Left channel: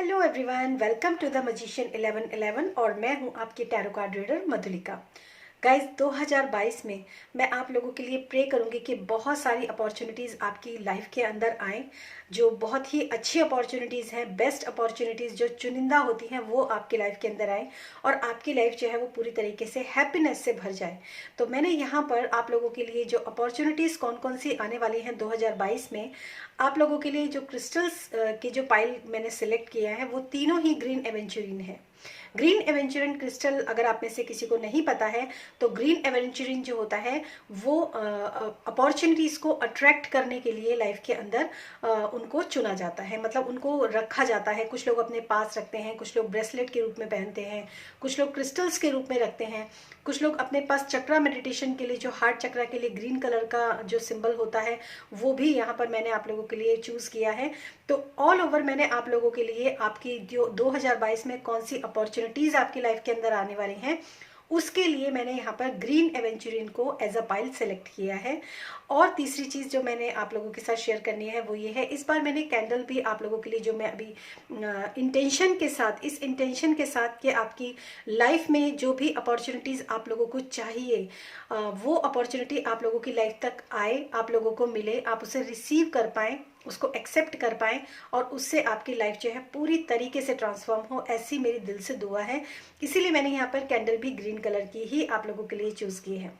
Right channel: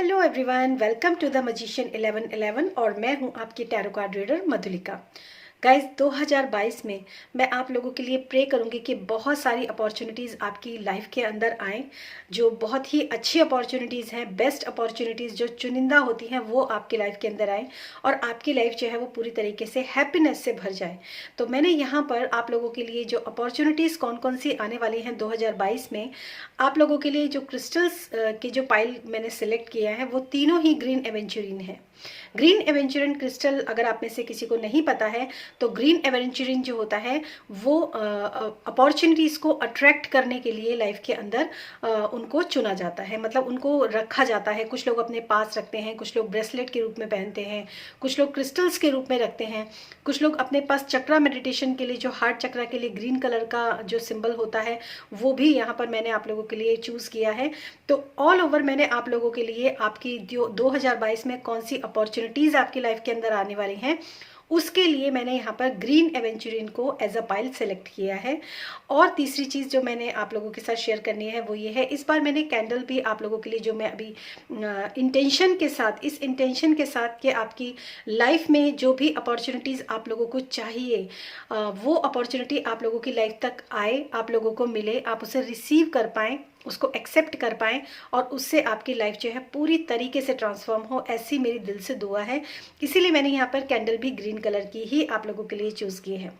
Hello everyone, welcome to the magician 1111 और मैं हूं आपकी tarot card reader Madhulika. Guys 2022 में मैं आप लोगों के लिए प्रे करूंगी कि बहुत सारी अपॉर्चुनिटीज़ आपकी लाइफ के अंदर आएँ, जो बहुत ही अच्छी अपॉर्चुनिटीज़ हैं, बेस्ट अपॉर्चुनिटीज़ जो चुनिंदा होती हैं वो आपकी लाइफ के अंदर आएँ और आपकी लाइफ जो है वो पूरी तरीके से हैप्पीनेस से भर जाए। तो मैंने यहाँ पर आप लोगों के लिए जो अपॉर्चुनिटीज़ कौन कौन सी आने वाली हैं 2022 में, आप लोगों के लिए जो क्रिस्टल्स की जो पाइल मैंने सिलेक्ट किया है वो तीनों ही ग्रीन एवेंचुरिन है। ग्रीन एवेंचुरिन क्रिस्टल अगर आप में से किसी को नहीं पता है तो ग्रीन एवेंचुरिन जो होता है वो अपॉर्चुनिटीज़ को अट्रैक्ट करने के लिए लाइफ के अंदर उनको चुना जाता है, मतलब उनको रखा जाता है। कुछ लोग अपने पास रखते हैं, कुछ लोग ब्रेसलेट के रूप में पहनते हैं, कुछ लोग क्रिस्टल्स के रूप में रखते हैं, कुछ लोग अपने पास चक्रा मेडिटेशन के लिए जो हार्ट चक्रा के लिए ग्रीन कलर का जो सिंबल होता है वो भी यहाँ पर मैंने आप लोगों के लिए चूज़ किया है। तो ऑल ओवर मैंने आप लोगों के लिए आपकी जो 2022 में कौन सी अपॉर्चुनिटीज़ आपकी लाइफ के अंदर आने वाली हैं उसके लिए मैंने यहाँ पर ग्रीन एवेंचुरिन को एज अ पाइल सेलेक्ट किया है। और तीसरी चीज़ जो मैंने आप लोगों के साथ शेयर करनी है वो ये है, इस बार मैंने कैंडल भी आप लोगों के लिए जो मैं अभी इंटेंशन के साथ, इस इंटेंशन के साथ कि आपकी लाइफ में जो भी अपॉर्चुनिटीज़ आप लोगों को चाहिए वो अपॉर्चुनिटी आप लोगों की लाइफ तक आए, आप लोगों को मिले, आप उसे रिसीव कर पाएँ, उसको एक्सेप्ट कर पाएँ और उससे आपकी लाइफ जो है पूरी तरीके से ट्रांसफॉर्म हो, ऐसी मेरी दिल से दुआ है। इसीलिए मैंने यहाँ पर कैंडल भी ग्रीन कलर की ही आप लोगों के लिए चूज़ की है,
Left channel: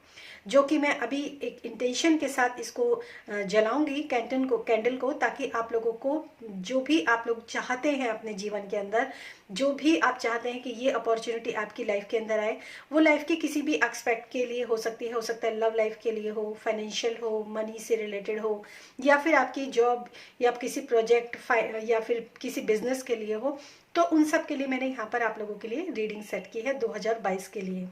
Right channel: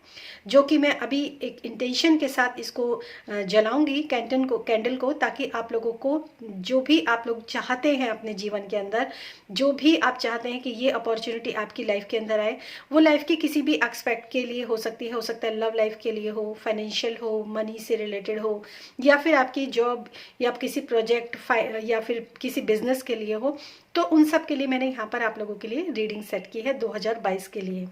जो कि मैं अभी एक इंटेंशन के साथ इसको जलाऊंगी कैंडल को, ताकि आप लोगों को जो भी आप लोग चाहते हैं अपने जीवन के अंदर, जो भी आप चाहते हैं कि ये अपॉर्चुनिटी आपकी लाइफ के अंदर आए, वो लाइफ के किसी भी एक्सपेक्ट के लिए हो सकती है, हो सकता है लव लाइफ के लिए हो, फाइनेंशियल हो, मनी से रिलेटेड हो, या फिर आपकी जॉब या किसी प्रोजेक्ट या फिर किसी बिजनेस के लिए हो। तो उन सब के लिए मैंने यहाँ पर आप लोगों के लिए रीडिंग सेट की है 2022 के लिए।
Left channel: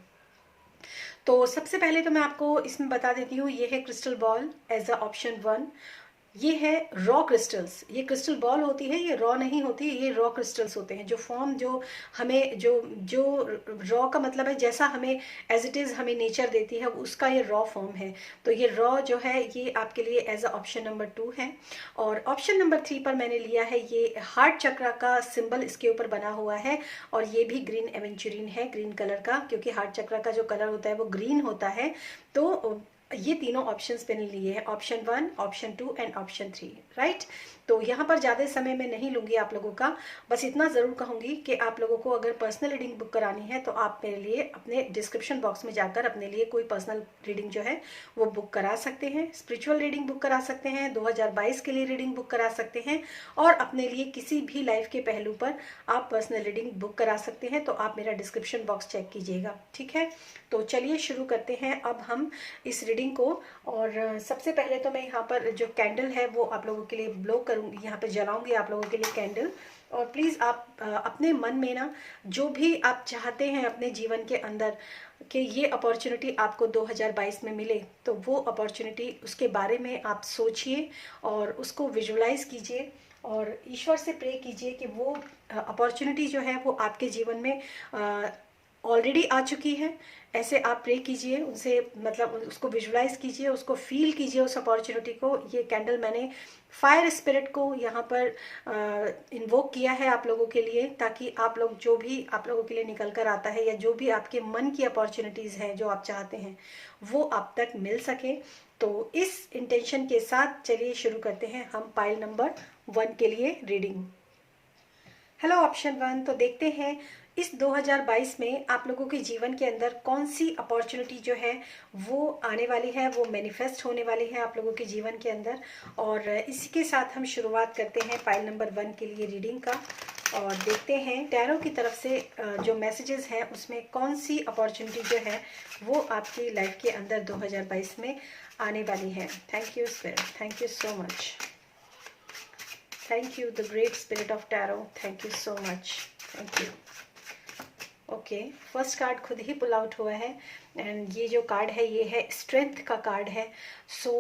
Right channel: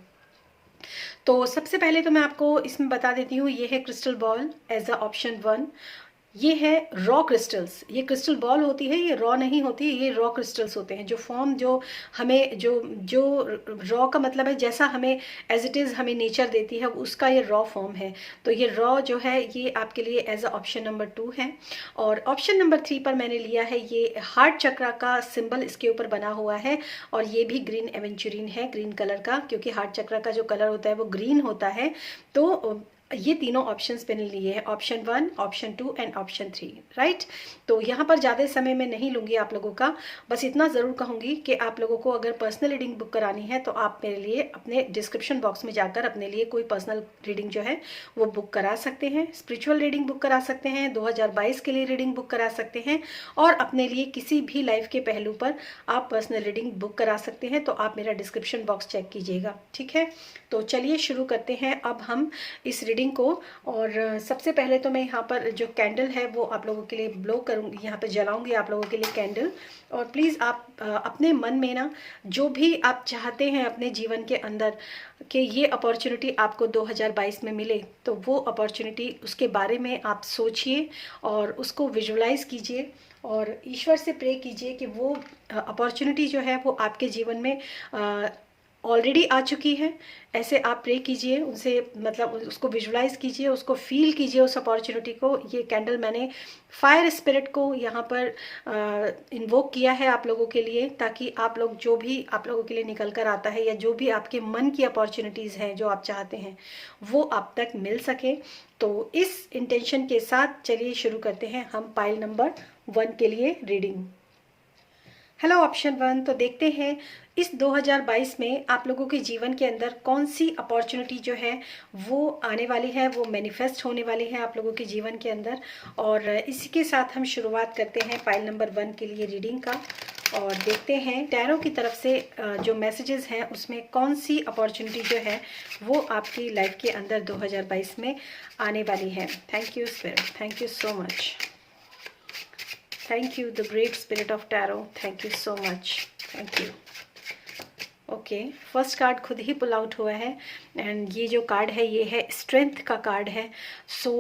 तो सबसे पहले तो मैं आपको इसमें बता देती हूँ, ये है crystal ball as a option 1। ये है रॉ क्रिस्टल्स। ये क्रिस्टल बॉल होती है, ये रॉ नहीं होती, ये रॉ क्रिस्टल्स होते हैं। जो फॉर्म जो हमें जो जो रॉ का मतलब है जैसा हमें एज इट इज़ हमें नेचर देती है उसका ये रॉ फॉर्म है। तो ये रॉ जो है ये आपके लिए एज अ ऑप्शन नंबर 2 है। और ऑप्शन नंबर 3 पर मैंने लिया है, ये हार्ट चक्रा का सिंबल इसके ऊपर बना हुआ है और ये भी ग्रीन एवेंचुरिन है, ग्रीन कलर का, क्योंकि हार्ट चक्रा का जो कलर होता है वो ग्रीन होता है। तो ये तीनों ऑप्शंस मैंने लिए हैं, option 1, option 2 and option 3, right. तो यहाँ पर ज़्यादा समय मैं नहीं लूँगी आप लोगों का, बस इतना ज़रूर कहूँगी कि आप लोगों को अगर पर्सनल रीडिंग बुक करानी है तो आप मेरे लिए अपने डिस्क्रिप्शन बॉक्स में जाकर अपने लिए कोई पर्सनल रीडिंग जो है वो बुक करा सकते हैं। स्पिरिचुअल रीडिंग बुक करा सकते हैं, 2022 के लिए रीडिंग बुक करा सकते हैं, और अपने लिए किसी भी लाइफ के पहलू पर आप पर्सनल रीडिंग बुक करा सकते हैं। तो आप मेरा डिस्क्रिप्शन बॉक्स चेक कीजिएगा, ठीक है। तो चलिए शुरू करते हैं अब हम इस रीडिंग को। और सबसे पहले तो मैं यहाँ पर जो कैंडल है वो आप लोगों के लिए ब्लो करूँगी, यहाँ पर जलाऊंगी आप लोगों के लिए कैंडल। और प्लीज़ आप अपने मन में ना जो भी आप चाहते हैं अपने जीवन के अंदर कि ये अपॉर्चुनिटी आपको 2022 में मिले, तो वो अपॉर्चुनिटी उसके बारे में आप सोचिए और उसको विजुअलाइज कीजिए और ईश्वर से प्रे कीजिए कि वो अपॉर्चुनिटी जो है वो आपके जीवन में ऑलरेडी आ चुकी है। ऐसे आप प्रे कीजिए उनसे, मतलब उसको विजुलाइज कीजिए, उसको फील कीजिए उस अपॉर्चुनिटी को। ये कैंडल मैंने फायर स्पिरिट को यहाँ पर इन्वोक किया है आप लोगों के लिए, ताकि आप लोग जो भी आप लोगों के लिए निकल कर आता है या जो भी आपके मन की अपॉर्चुनिटीज़ हैं जो आप चाहते हैं वो आप तक मिल सके। तो इस इंटेंशन के साथ चलिए शुरू करते हैं हम पाइल नंबर 1 के लिए रीडिंग। हेलो ऑप्शन 1, तो देखते हैं इस 2022 में आप लोगों के जीवन के अंदर कौन सी अपॉर्चुनिटी जो है वो आने वाली है, वो मैनिफेस्ट होने वाली है आप लोगों के जीवन के अंदर। और इसी के साथ हम शुरुआत करते हैं पाइल नंबर 1 के लिए रीडिंग का, और देखते हैं टैरो की तरफ से जो मैसेजेस हैं उसमें कौन सी अपॉर्चुनिटी जो है वो आपकी लाइफ के अंदर 2022 में आने वाली है। Thank you spirit, thank you so much, thank you the great spirit of tarot, thank you so much, thank you. Okay, first card खुद ही पुल आउट हुआ है एंड ये जो कार्ड है ये है स्ट्रेंथ का कार्ड है। सो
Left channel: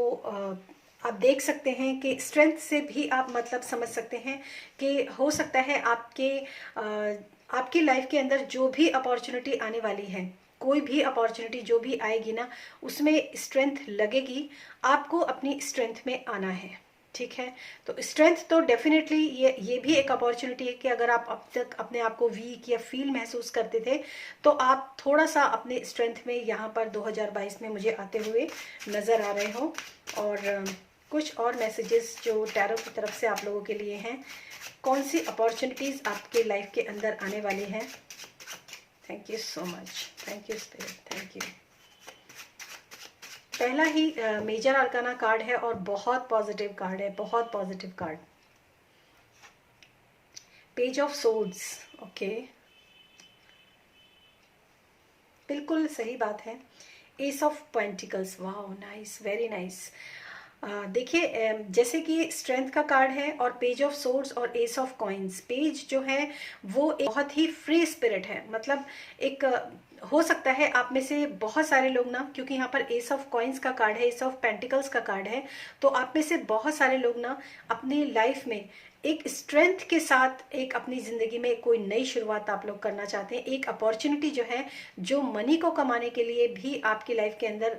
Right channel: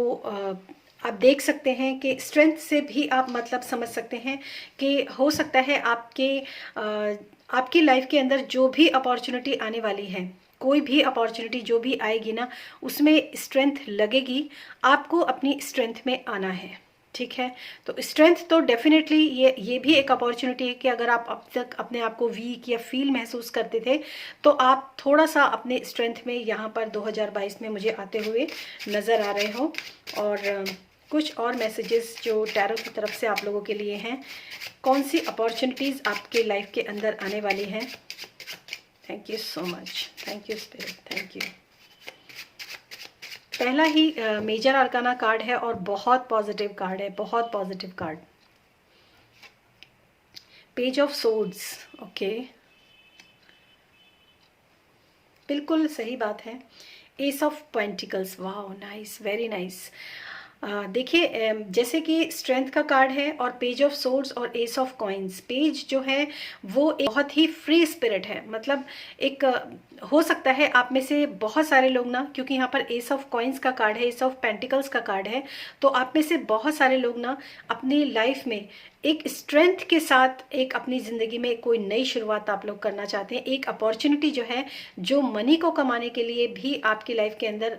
आप देख सकते हैं कि स्ट्रेंथ से भी आप मतलब समझ सकते हैं कि हो सकता है आपकी लाइफ के अंदर जो भी अपॉर्चुनिटी आने वाली है, कोई भी अपॉर्चुनिटी जो भी आएगी ना उसमें स्ट्रेंथ लगेगी, आपको अपनी स्ट्रेंथ में आना है। ठीक है। तो स्ट्रेंथ तो डेफिनेटली ये भी एक अपॉर्चुनिटी है कि अगर आप अब तक अपने आप को वीक या फील महसूस करते थे, तो आप थोड़ा सा अपने स्ट्रेंथ में यहाँ पर 2022 में मुझे आते हुए नज़र आ रहे हो। और कुछ और मैसेजेस जो टैरो की तरफ से आप लोगों के लिए हैं, कौन सी अपॉर्चुनिटीज़ आपके लाइफ के अंदर आने वाली हैं। Thank you so much, thank you spirit, thank you. पहला ही मेजर आर्काना कार्ड है और बहुत पॉजिटिव कार्ड है, बहुत positive card. Page of swords, okay, बिल्कुल सही बात है। एस ऑफ पेंटिकल्स, वाह नाइस, वेरी नाइस। देखिए जैसे कि स्ट्रेंथ का कार्ड है और पेज ऑफ सोर्ड्स और एस ऑफ कॉइन्स। पेज जो है वो एक बहुत ही फ्री स्पिरिट है, मतलब एक हो सकता है आप में से बहुत सारे लोग ना, क्योंकि यहाँ पर एस ऑफ कॉइन्स का कार्ड है, एस ऑफ पेंटिकल्स का कार्ड है, तो आप में से बहुत सारे लोग ना अपनी लाइफ में एक स्ट्रेंथ के साथ एक अपनी ज़िंदगी में कोई नई शुरुआत आप लोग करना चाहते हैं। एक अपॉर्चुनिटी जो है, जो मनी को कमाने के लिए भी आपकी लाइफ के अंदर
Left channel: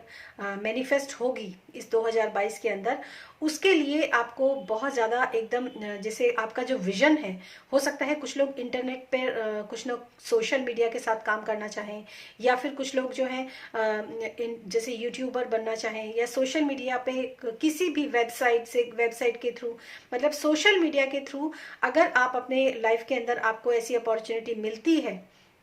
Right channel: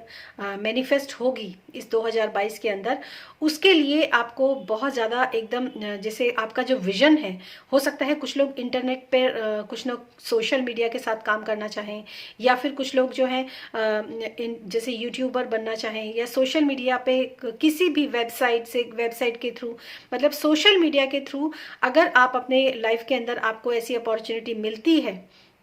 मैनिफेस्ट होगी इस 2022 के अंदर, उसके लिए आपको बहुत ज़्यादा एकदम जैसे आपका जो विजन है, हो सकता है कुछ लोग इंटरनेट पर कुछ लोग सोशल मीडिया के साथ काम करना चाहें, या फिर कुछ लोग जो हैं जैसे यूट्यूबर बनना चाहें, या सोशल मीडिया पे किसी भी वेबसाइट के थ्रू, मतलब सोशल मीडिया के थ्रू अगर आप अपने लाइफ के अंदर आपको ऐसी अपॉर्चुनिटी मिलती है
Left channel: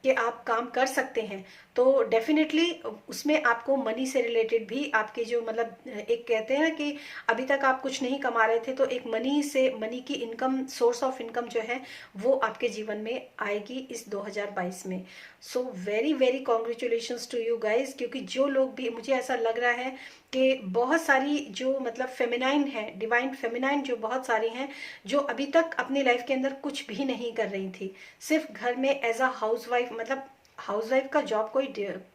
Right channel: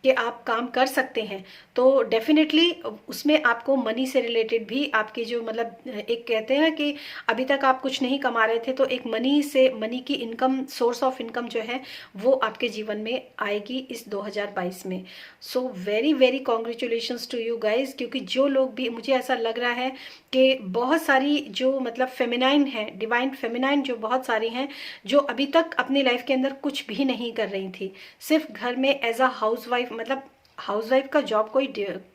कि आप काम कर सकते हैं, तो डेफिनेटली उसमें आपको मनी से रिलेटेड भी आपके जो मतलब एक कहते हैं ना कि अभी तक आप कुछ नहीं कमा रहे थे, तो एक मनी की इनकम, सोर्स ऑफ इनकम जो है वो आपके जीवन में आएगी इस 2022 में। So very very congratulations to you guys, क्योंकि जो लोग भी, मुझे ऐसा लग रहा है कि बहुत सारी जो मतलब फेमिनाइन है, डिवाइन फेमिनाइन जो बहुत सारी हैं, जो अभी तक अपनी लाइफ के अंदर कुछ भी नहीं कर रही थी, सिर्फ घर में एज अ हाउसवाइफ, मतलब हाउसवाइफ का जॉब कोई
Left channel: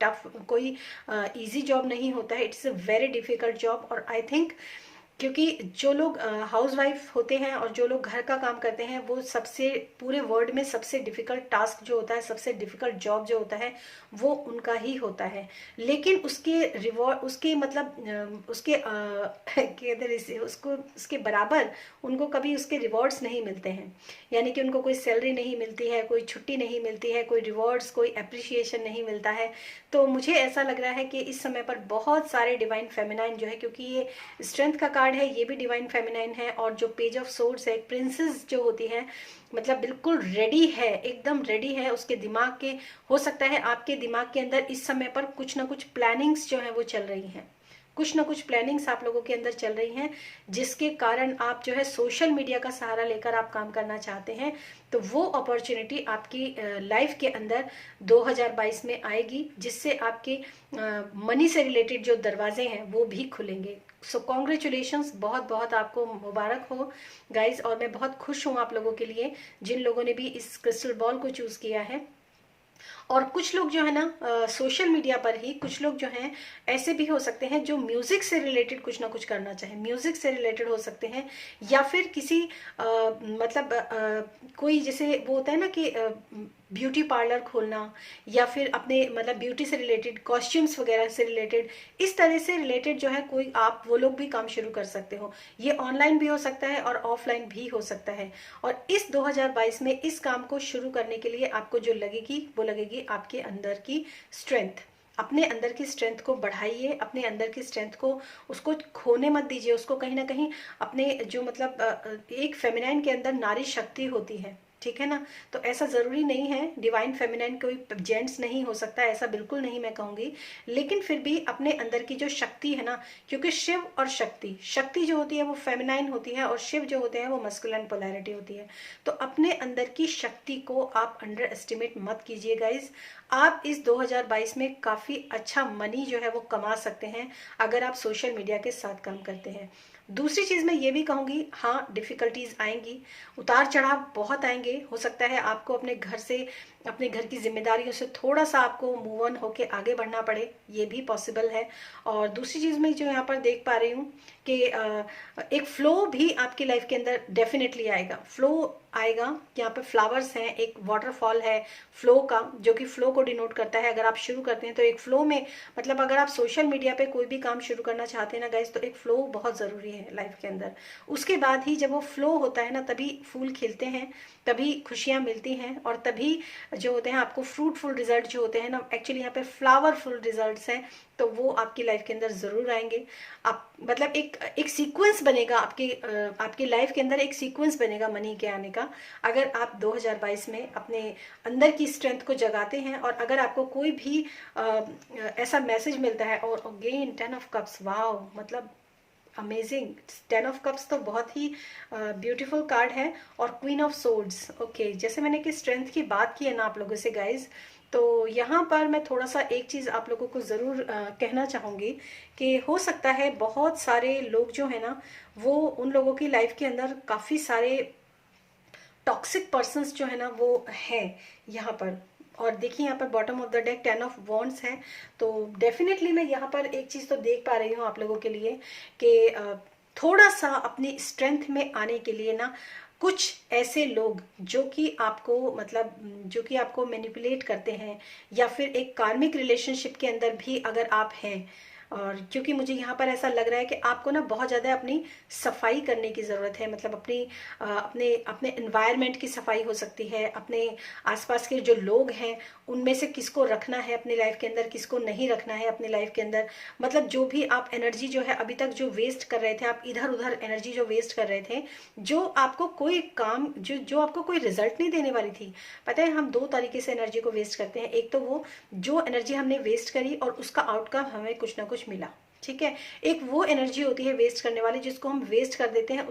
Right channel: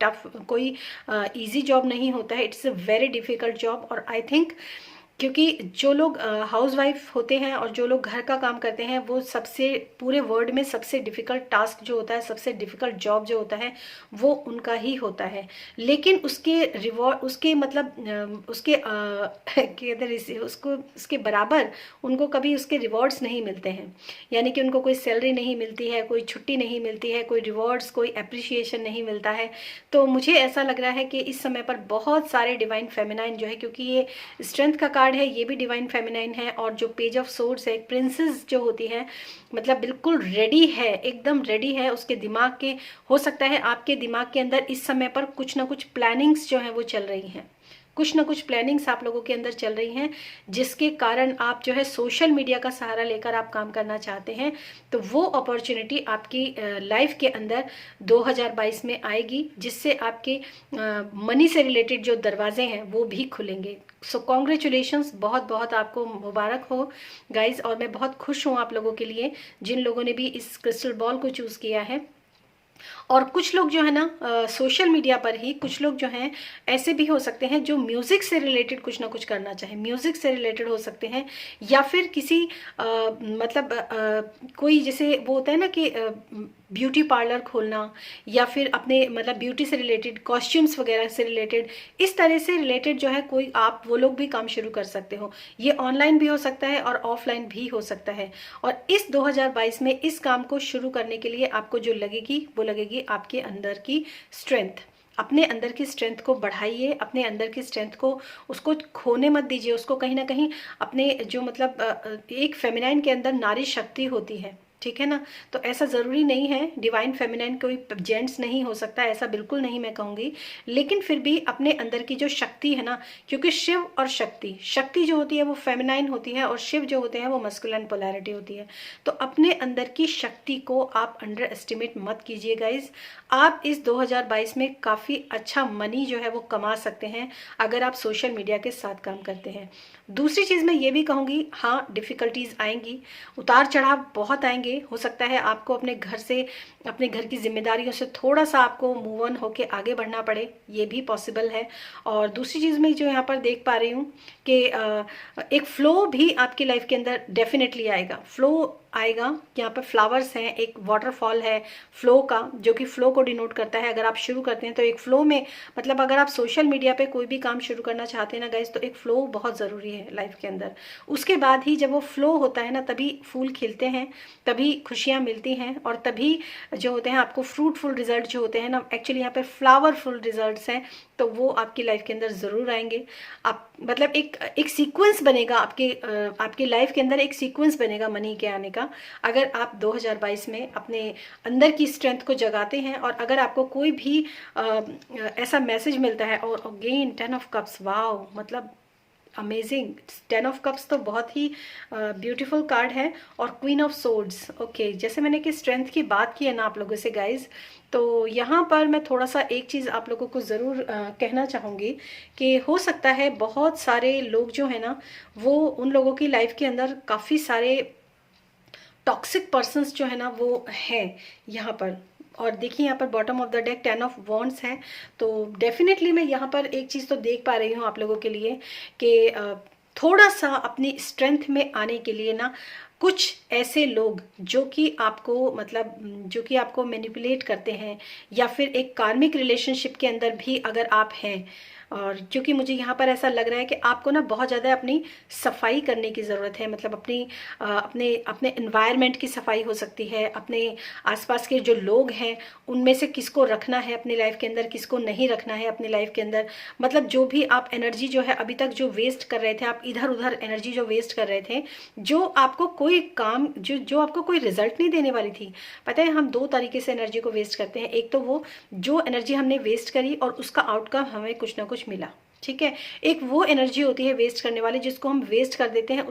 टफ, कोई इजी जॉब नहीं होता है, it's a very difficult job. और आई थिंक क्योंकि जो लोग हाउसवाइफ होते हैं और जो लोग घर का काम करते हैं, वो सबसे पूरे वर्ल्ड में सबसे डिफिकल्ट टास्क जो होता है, सबसे डिफिकल्ट जॉब जो होता है, वो उनका ही होता है। लेकिन उसके रिवॉर्ड, उसके मतलब उसके उसके बराबर उनको कभी उसके रिवॉर्ड्स नहीं मिलते हैं, यानी कि उनको कोई सैलरी नहीं मिलती है, कोई छुट्टी नहीं मिलती है, कोई रिवॉर्ड्स, कोई अप्रिशिएशन नहीं मिलता है। तो मुझे ऐसा लग रहा है कि इस समय पर बहुत सारे डिवाइन फेमिनाइन जो है, क्योंकि ये स्ट्रेंथ का कार्ड है, ये भी डिवाइन फेमिनाइन है, और जो पेज ऑफ सोर्ड्स है, प्रिंसेस जो होती है, मतलब बिल्कुल रेडी है, एकदम रेडी है उसके दिमाग के, हो सकता है आपके दिमाग के अंदर इस समय पर कुछ ना कुछ प्लानिंग्स जो है वो चल रही हैं, कुछ ना कुछ प्लानिंग्स आप लोगों के अंदर चल रही हैं, जिसके कारण आप जो है सोशल मीडिया का सहारा लेकर आप काम करना चाहते हैं। तो वो अपॉर्चुनिटी आपकी लाइफ के अंदर 2022 में आएगी, जिससे आपके मनी से रिलेटेड जो दरवाजे हैं वो भी खुलेंगे। सो कॉन्ग्रेचुलेशंस, बहुत बहुत आपको मुबारक हो गाइज। और मैं बहुत खुश हूँ आप लोगों के लिए, जिन लोगों ने भी इस क्रिस्टल बॉल को चूज़ किया है। और कुछ लोग जो है ना सोशल मीडिया पर ही, कुछ लोग जो हैं ऐसे भी हो सकते हैं जो म्यूजिक से रिलेटेड कुछ ना कुछ करना चाहें, म्यूजिक से रिलेटेड हो सकते हैं, या फिर किसी मतलब कोई जैसे वो होता है ना कि ब्यूटी पार्लर खोलना, या फिर अपने मतलब ब्यूटी से रिलेटेड, कॉस्ट्यूम्स वगैरह से रिलेटेड, इस तरह से रिलेटेड जो है कोई आप वो लोग भी काम शुरू कर सकते हो। ये ऑनलाइन भी हो सकता है और ऑफलाइन भी हो सकता है। और इस 2022 में इस काम को शुरू करने के लिए आपको जो लगेगी वो लगेगी आपके अंदर की स्ट्रेंथ। अपने अंदर की स्ट्रेंथ को बढ़ाइए, अपने अंदर की स्ट्रेंथ को, उसको खोने मत दीजिए, उसको कहीं ना कहीं अपने जो मतलब एक फेमिनाइन के अंदर नारी शक्ति होती है, ठीक है ना। तो ऐसा ज़रूरी नहीं है डिवाइन फेमिनाइन कोई जेंट्स नहीं हो सकता, ऐसा बिल्कुल नहीं मैं कहूँगी, लेकिन फिर भी अपने अंदर की जो शक्ति है ना, क्योंकि शिव और शक्ति जो होती है वो फेमिनाइन होती है, और शिव जो होते हैं वो मस्कुलिन पोलैरिटी होती है। तो अपने अंदर की शक्ति को आप अंडर एस्टिमेट मत कीजिए गाइज। आप इस 2022 में काफ़ी अच्छा मनी जो है वो कमा सकते हैं अगर आप सोशल मीडिया के साथ काम करते हैं। दूसरी चीज़ मैं ये भी कहूँगी, हाँ डिफ़िकल्टीज़ आएंगी, उतार चढ़ाव बहुत आएंगे जाएंगे। हो सकता है आपको अपने घर से, अपने घर की जिम्मेदारियों से थोड़ा सा आपको मूव ऑन होके आगे बढ़ना पड़े, ये भी पॉसिबल है। और दूसरी चीज़ मैं जो यहाँ पर देख पा रही हूँ कि एक फ्लो भी आपकी लाइफ के अंदर डेफिनेटली आएगा, फ्लो आएगा। यहाँ पर फ्लावर्स हैं, एक वाटरफॉल है फ्लो का, जो कि फ्लो को डिनोट करता है। अगर आप शुरू करते हैं तो एक फ्लो में, मतलब अगर आप सोशल मीडिया पे कोई भी काम शुरू करना चाहते हैं ना गाइज, तो एक फ्लो बहुत ज़रूरी है लाइफ के अंदर। उसके बाद ही जब वो फ्लो होता है ना, तभी फूल खिलते हैं, तभी खुशियाँ मिलती हैं, और तभी जो होते हैं आपको फ्रूटफुल रिजल्ट जो होते हैं ना, एक्चुअली यहाँ पे फ्लावरफुल रिजल्ट्स हैं, तो वो आपकी लाइफ के अंदर ज़रूर आएंगे। आप मतलब एक सीक्वेंस बनेगा आपकी लाइफ के अंदर, एक सीक्वेंस बनेगा मनी के आने का, अगर आप 2022 में अपने अंदर की स्ट्रेंथ को जगाते हैं। और अगर आपको कोई भी ऐसा मैसेज मिलता है, और अगेन 10 ऑफ कप्स, वाओ, मतलब अमेजिंग। 10 ऑफ कप्स तो बहुत ही ब्यूटीफुल कार्ड है। और क्वीन ऑफ सोर्ड्स, ओके, जैसे मैंने कि स्ट्रेंथ की बात की है ना आप लोगों से गाइज, तो यहाँ पर मैं थोड़ा सा एक चीज़ आप लोगों को ज़रूर कहना चाहूँगी कि हो सकता है बहुत सारे लोग जो है ना, वो उन लोगों की लाइफ के अंदर काफ़ी सारे टॉक्सिक पर्सन्स जो है ना वो है यहाँ पर। और देखिए यहाँ पर bottom of the deck 10 of wands है। तो डेफिनेटली मैं यहाँ पर एक चीज़ तो देख पा रही हूँ आप लोगों के लिए कि थोड़ा सा अपनी स्ट्रेंथ में आने के लिए ना, कुछ ऐसे लोग जो कि आपको मतलब जो कि आपको मैनिपुलेट करते हैं, या फिर एक कार्मिक रिलेशनशिप के अंदर भी अगर आप हैं, और क्योंकि मुझे यहाँ पर ऐसा लग रहा है कि आपको ना बहुत ज़्यादा अपनी सफाई करने की ज़रूरत है, मतलब अपने अपने एनवायरनमेंट की सफाई हो सकती है, अपने आसपास के जो लोग हैं उनमें से किसको रखना है अपनी लाइफ के अंदर, किसको नहीं रखना है अपनी लाइफ के अंदर। मतलब जो भी आप एनर्जी जो है अभी तक जो वेस्ट कर रहे थे, आप इधर उधर एनर्जी जो वेस्ट कर रहे थे, जो आपको कोई काम जो आपको कोई रिजल्ट नहीं देने वाली थी। पता है हम दो तरीके से एनर्जी को वेस्ट करते हैं, एक तो वो जो एनर्जी हमने वेस्ट करी और उसका आउटकम हमें कुछ ना कुछ मिला, ठीक है। एक वो एनर्जी होती है वेस्ट करने वाली, जिसको हम वेस्ट कर देते हैं,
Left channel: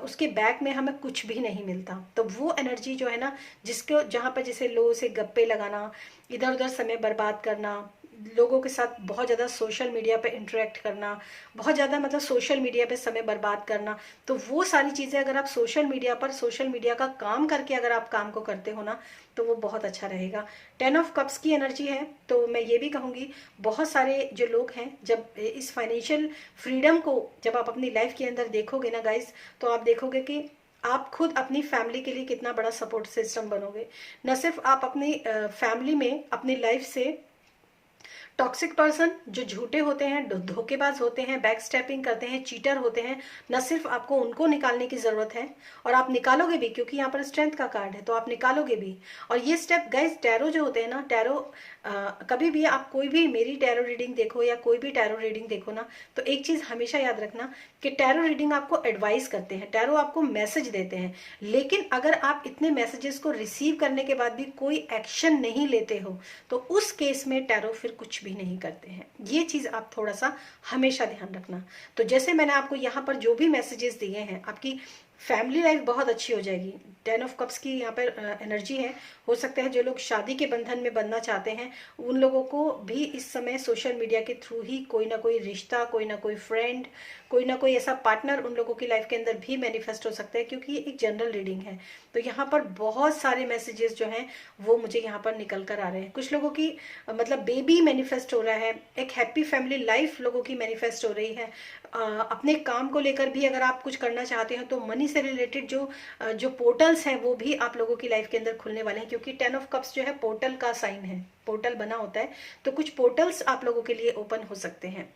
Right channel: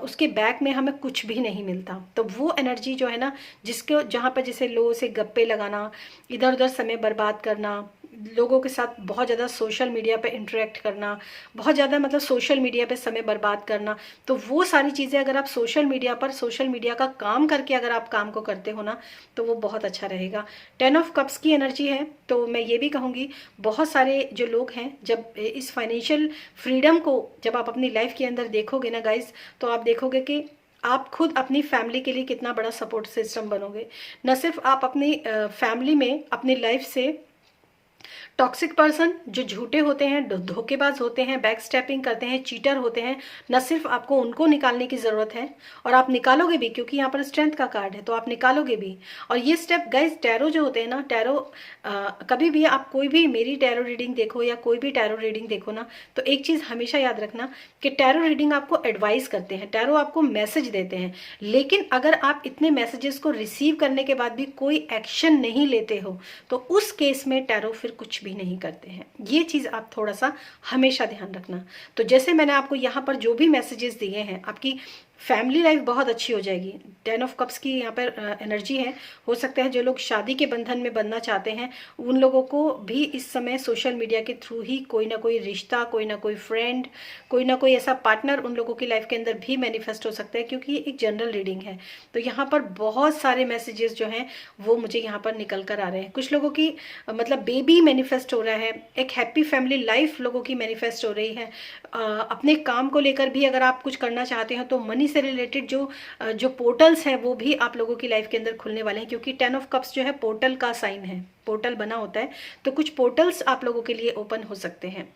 उसके बैक में हमें कुछ भी नहीं मिलता। तो वो एनर्जी जो है ना, जिसको जहाँ पर जैसे लोगों से गप्पे लगाना, इधर उधर समय बर्बाद करना, लोगों के साथ बहुत ज़्यादा सोशल मीडिया पे इंटरेक्ट करना, बहुत ज़्यादा मतलब सोशल मीडिया पे समय बर्बाद करना, तो वो सारी चीज़ें अगर आप सोशल मीडिया का काम करके अगर आप काम को करते हो ना, तो वो बहुत अच्छा रहेगा। 10 ऑफ कप्स की एनर्जी है, तो मैं ये भी कहूँगी बहुत सारे जो लोग हैं, जब इस फाइनेंशियल फ्रीडम को जब आप अपनी लाइफ के अंदर देखोगे ना गाइज, तो आप देखोगे कि आप खुद अपनी फैमिली के लिए कितना बड़ा सपोर्ट सिस्टम बनोगे। न सिर्फ आप अपनी फैमिली में अपनी लाइफ से टॉक्सिक पर्सन जो झूठे होते हैं, धोखेबाज होते हैं, बैक स्टेपिंग करते हैं, चीटर होते हैं, न सिर्फ आपको उनको निकालने की ज़रूरत है, और आप निकालोगे भी, क्योंकि यहाँ पर स्ट्रेंथ का कार्ड है, तो आप निकालोगे भी। और ये स्टेप गाइज, टैरो जो होते हैं ना, टैरो कभी भी आप कोई भी मेरी टैरो रीडिंग देखो या कोई भी टैरो रीडिंग देखो ना, तो एक चीज़ हमेशा याद रखना कि टैरो रीडिंग आपको एडवाइस करते हैं, टैरो आपको मैसेज देते हैं, लेकिन अगर आप इतने मैसेजेस को रिसीव करने के बाद भी कोई एक्शन नहीं लेते हो, तो उस केस में टैरो फिर कुछ भी नहीं करते हैं। ये चीज़ आप थोड़ा सा हमेशा ध्यान रखना। तो जैसे मैंने आपको यहाँ पर जो भी मैसेजेस दिए हैं, आपकी फैमिली लाइफ बहुत अच्छी हो जाएगी। 10 ऑफ कप्स की यहाँ पर एनर्जी है। हो सकता है जो लोग शादी के बंधन में बनना चाहते हैं, उन लोगों को भी इस समय सोशल मीडिया के थ्रू ही कोई ना कोई रिश्ता, कोई ना कोई फ्रेंड, कोई ना कोई ऐसा पार्टनर उन लोगों की लाइफ के अंदर भी मैनिफेस्ट हो सकता है, क्योंकि ये एक जनरल रीडिंग है। तो यहाँ पर बहुत सारे मैसेजेस जो हैं वो मुझे यहाँ पर निकल कर आ रहे हैं। कुछ लोगों की मतलब बेबी मैनिफेस्ट हो रहा है, एक हैप्पी फैमिली लाइफ लोगों की मैनिफेस्ट हो रही है। अपने काम को लेकर भी अगर आप कुछ करना चाहते हैं, तो मनी से रिलेटेड जो पोर्टल्स हैं वो भी आप लोगों की लाइफ के अंदर खुलने वाले हैं, क्योंकि 10 ऑफ कप्स जो है पोर्टल का साइन है, पोर्टल बना होता है, तो कुछ पोर्टल्स आप लोगों के लिए ओपन हो सकते हैं।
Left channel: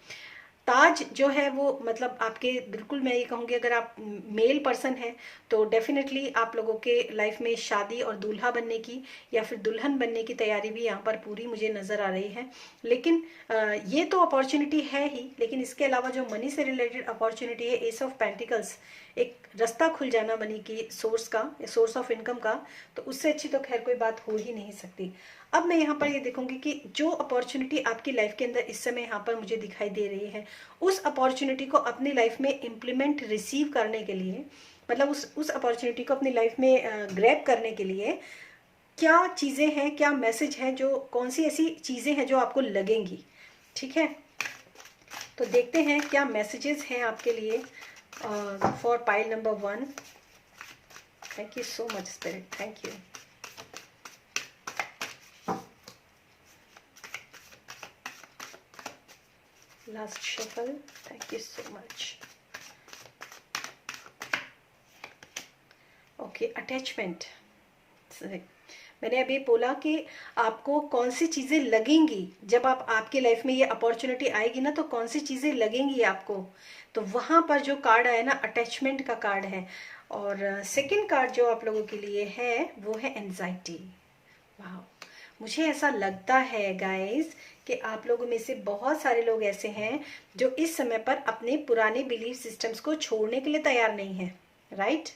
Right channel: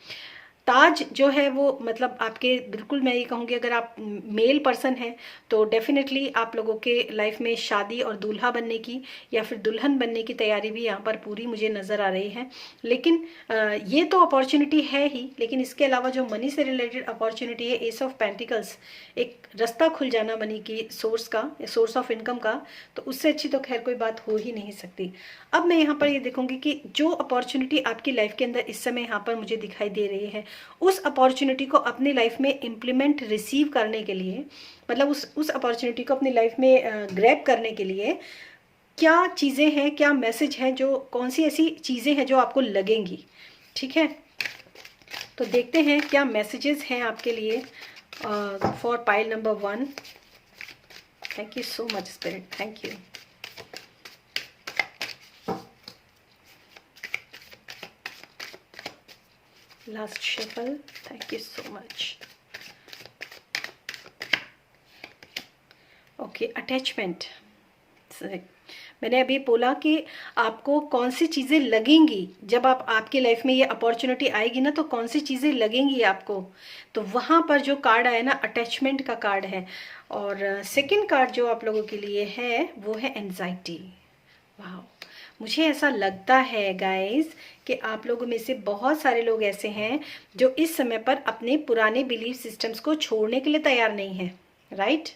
ताज जो है वो मतलब आपके, बिल्कुल मैं ये कहूँगी अगर आप मेल पर्सन हैं तो डेफिनेटली आप लोगों के लाइफ में शादी और दूल्हा बनने की या फिर दुल्हन बनने की तैयारी भी यहाँ पर पूरी मुझे नज़र आ रही है। लेकिन ये तो अपॉर्चुनिटी है ही, लेकिन इसके अलावा जो मनी से रिलेटेड अपॉर्चुनिटी है, एस ऑफ पेंटिकल्स, एक रास्ता खुल जाना मनी की सोर्स का, सोर्स ऑफ इनकम का, तो उससे अच्छी तो खैर कोई बात हो ही नहीं सकती। अब मैं यहाँ पर ये देखूंगी कि जो अपॉर्चुनिटी आपकी लाइफ के अंदर इस समय यहाँ पर मुझे दिखाई दे रही है, उस अपॉर्चुनिटी को अपनी लाइफ में इम्प्लीमेंट रिसीव करने के लिए, मतलब उस अपॉर्चुनिटी को अपनी लाइफ में ग्रैब करने के लिए क्या चीज़ें हैं, क्या मैसेज हैं, जो कौन सी ऐसी चीज़ें हैं जो आपको लगेंगी, ठीक है। तो देखते हैं क्या मैसेजेस हैं आपके लिए for pile number 1। Thank you so much spirit, thank you. Last shuffle, thank you so much. Okay, attachment. मैंने अभी बोला कि आपको कौन सी चीज़ें लगेंगी जब आपकी लाइफ में ये अपॉर्चुनिटी आएगी ना, तो कौन सी चीज़ें लगेंगी आपको। तो वहाँ पर जो कार्ड आया ना, अटैचमेंट का कार्ड है। और सेकंड कार्ड जो आप लोगों के लिए है वो है एंजाइटी। वाह, मुझे ऐसा लगता है गाइस कि आप लोगों में से बहुत सारे लोग ऐसे हैं जो इस समय पर अपने पुराने बिलीफ सिस्टम्स को छोड़ने के लिए तैयार नहीं है, राइट।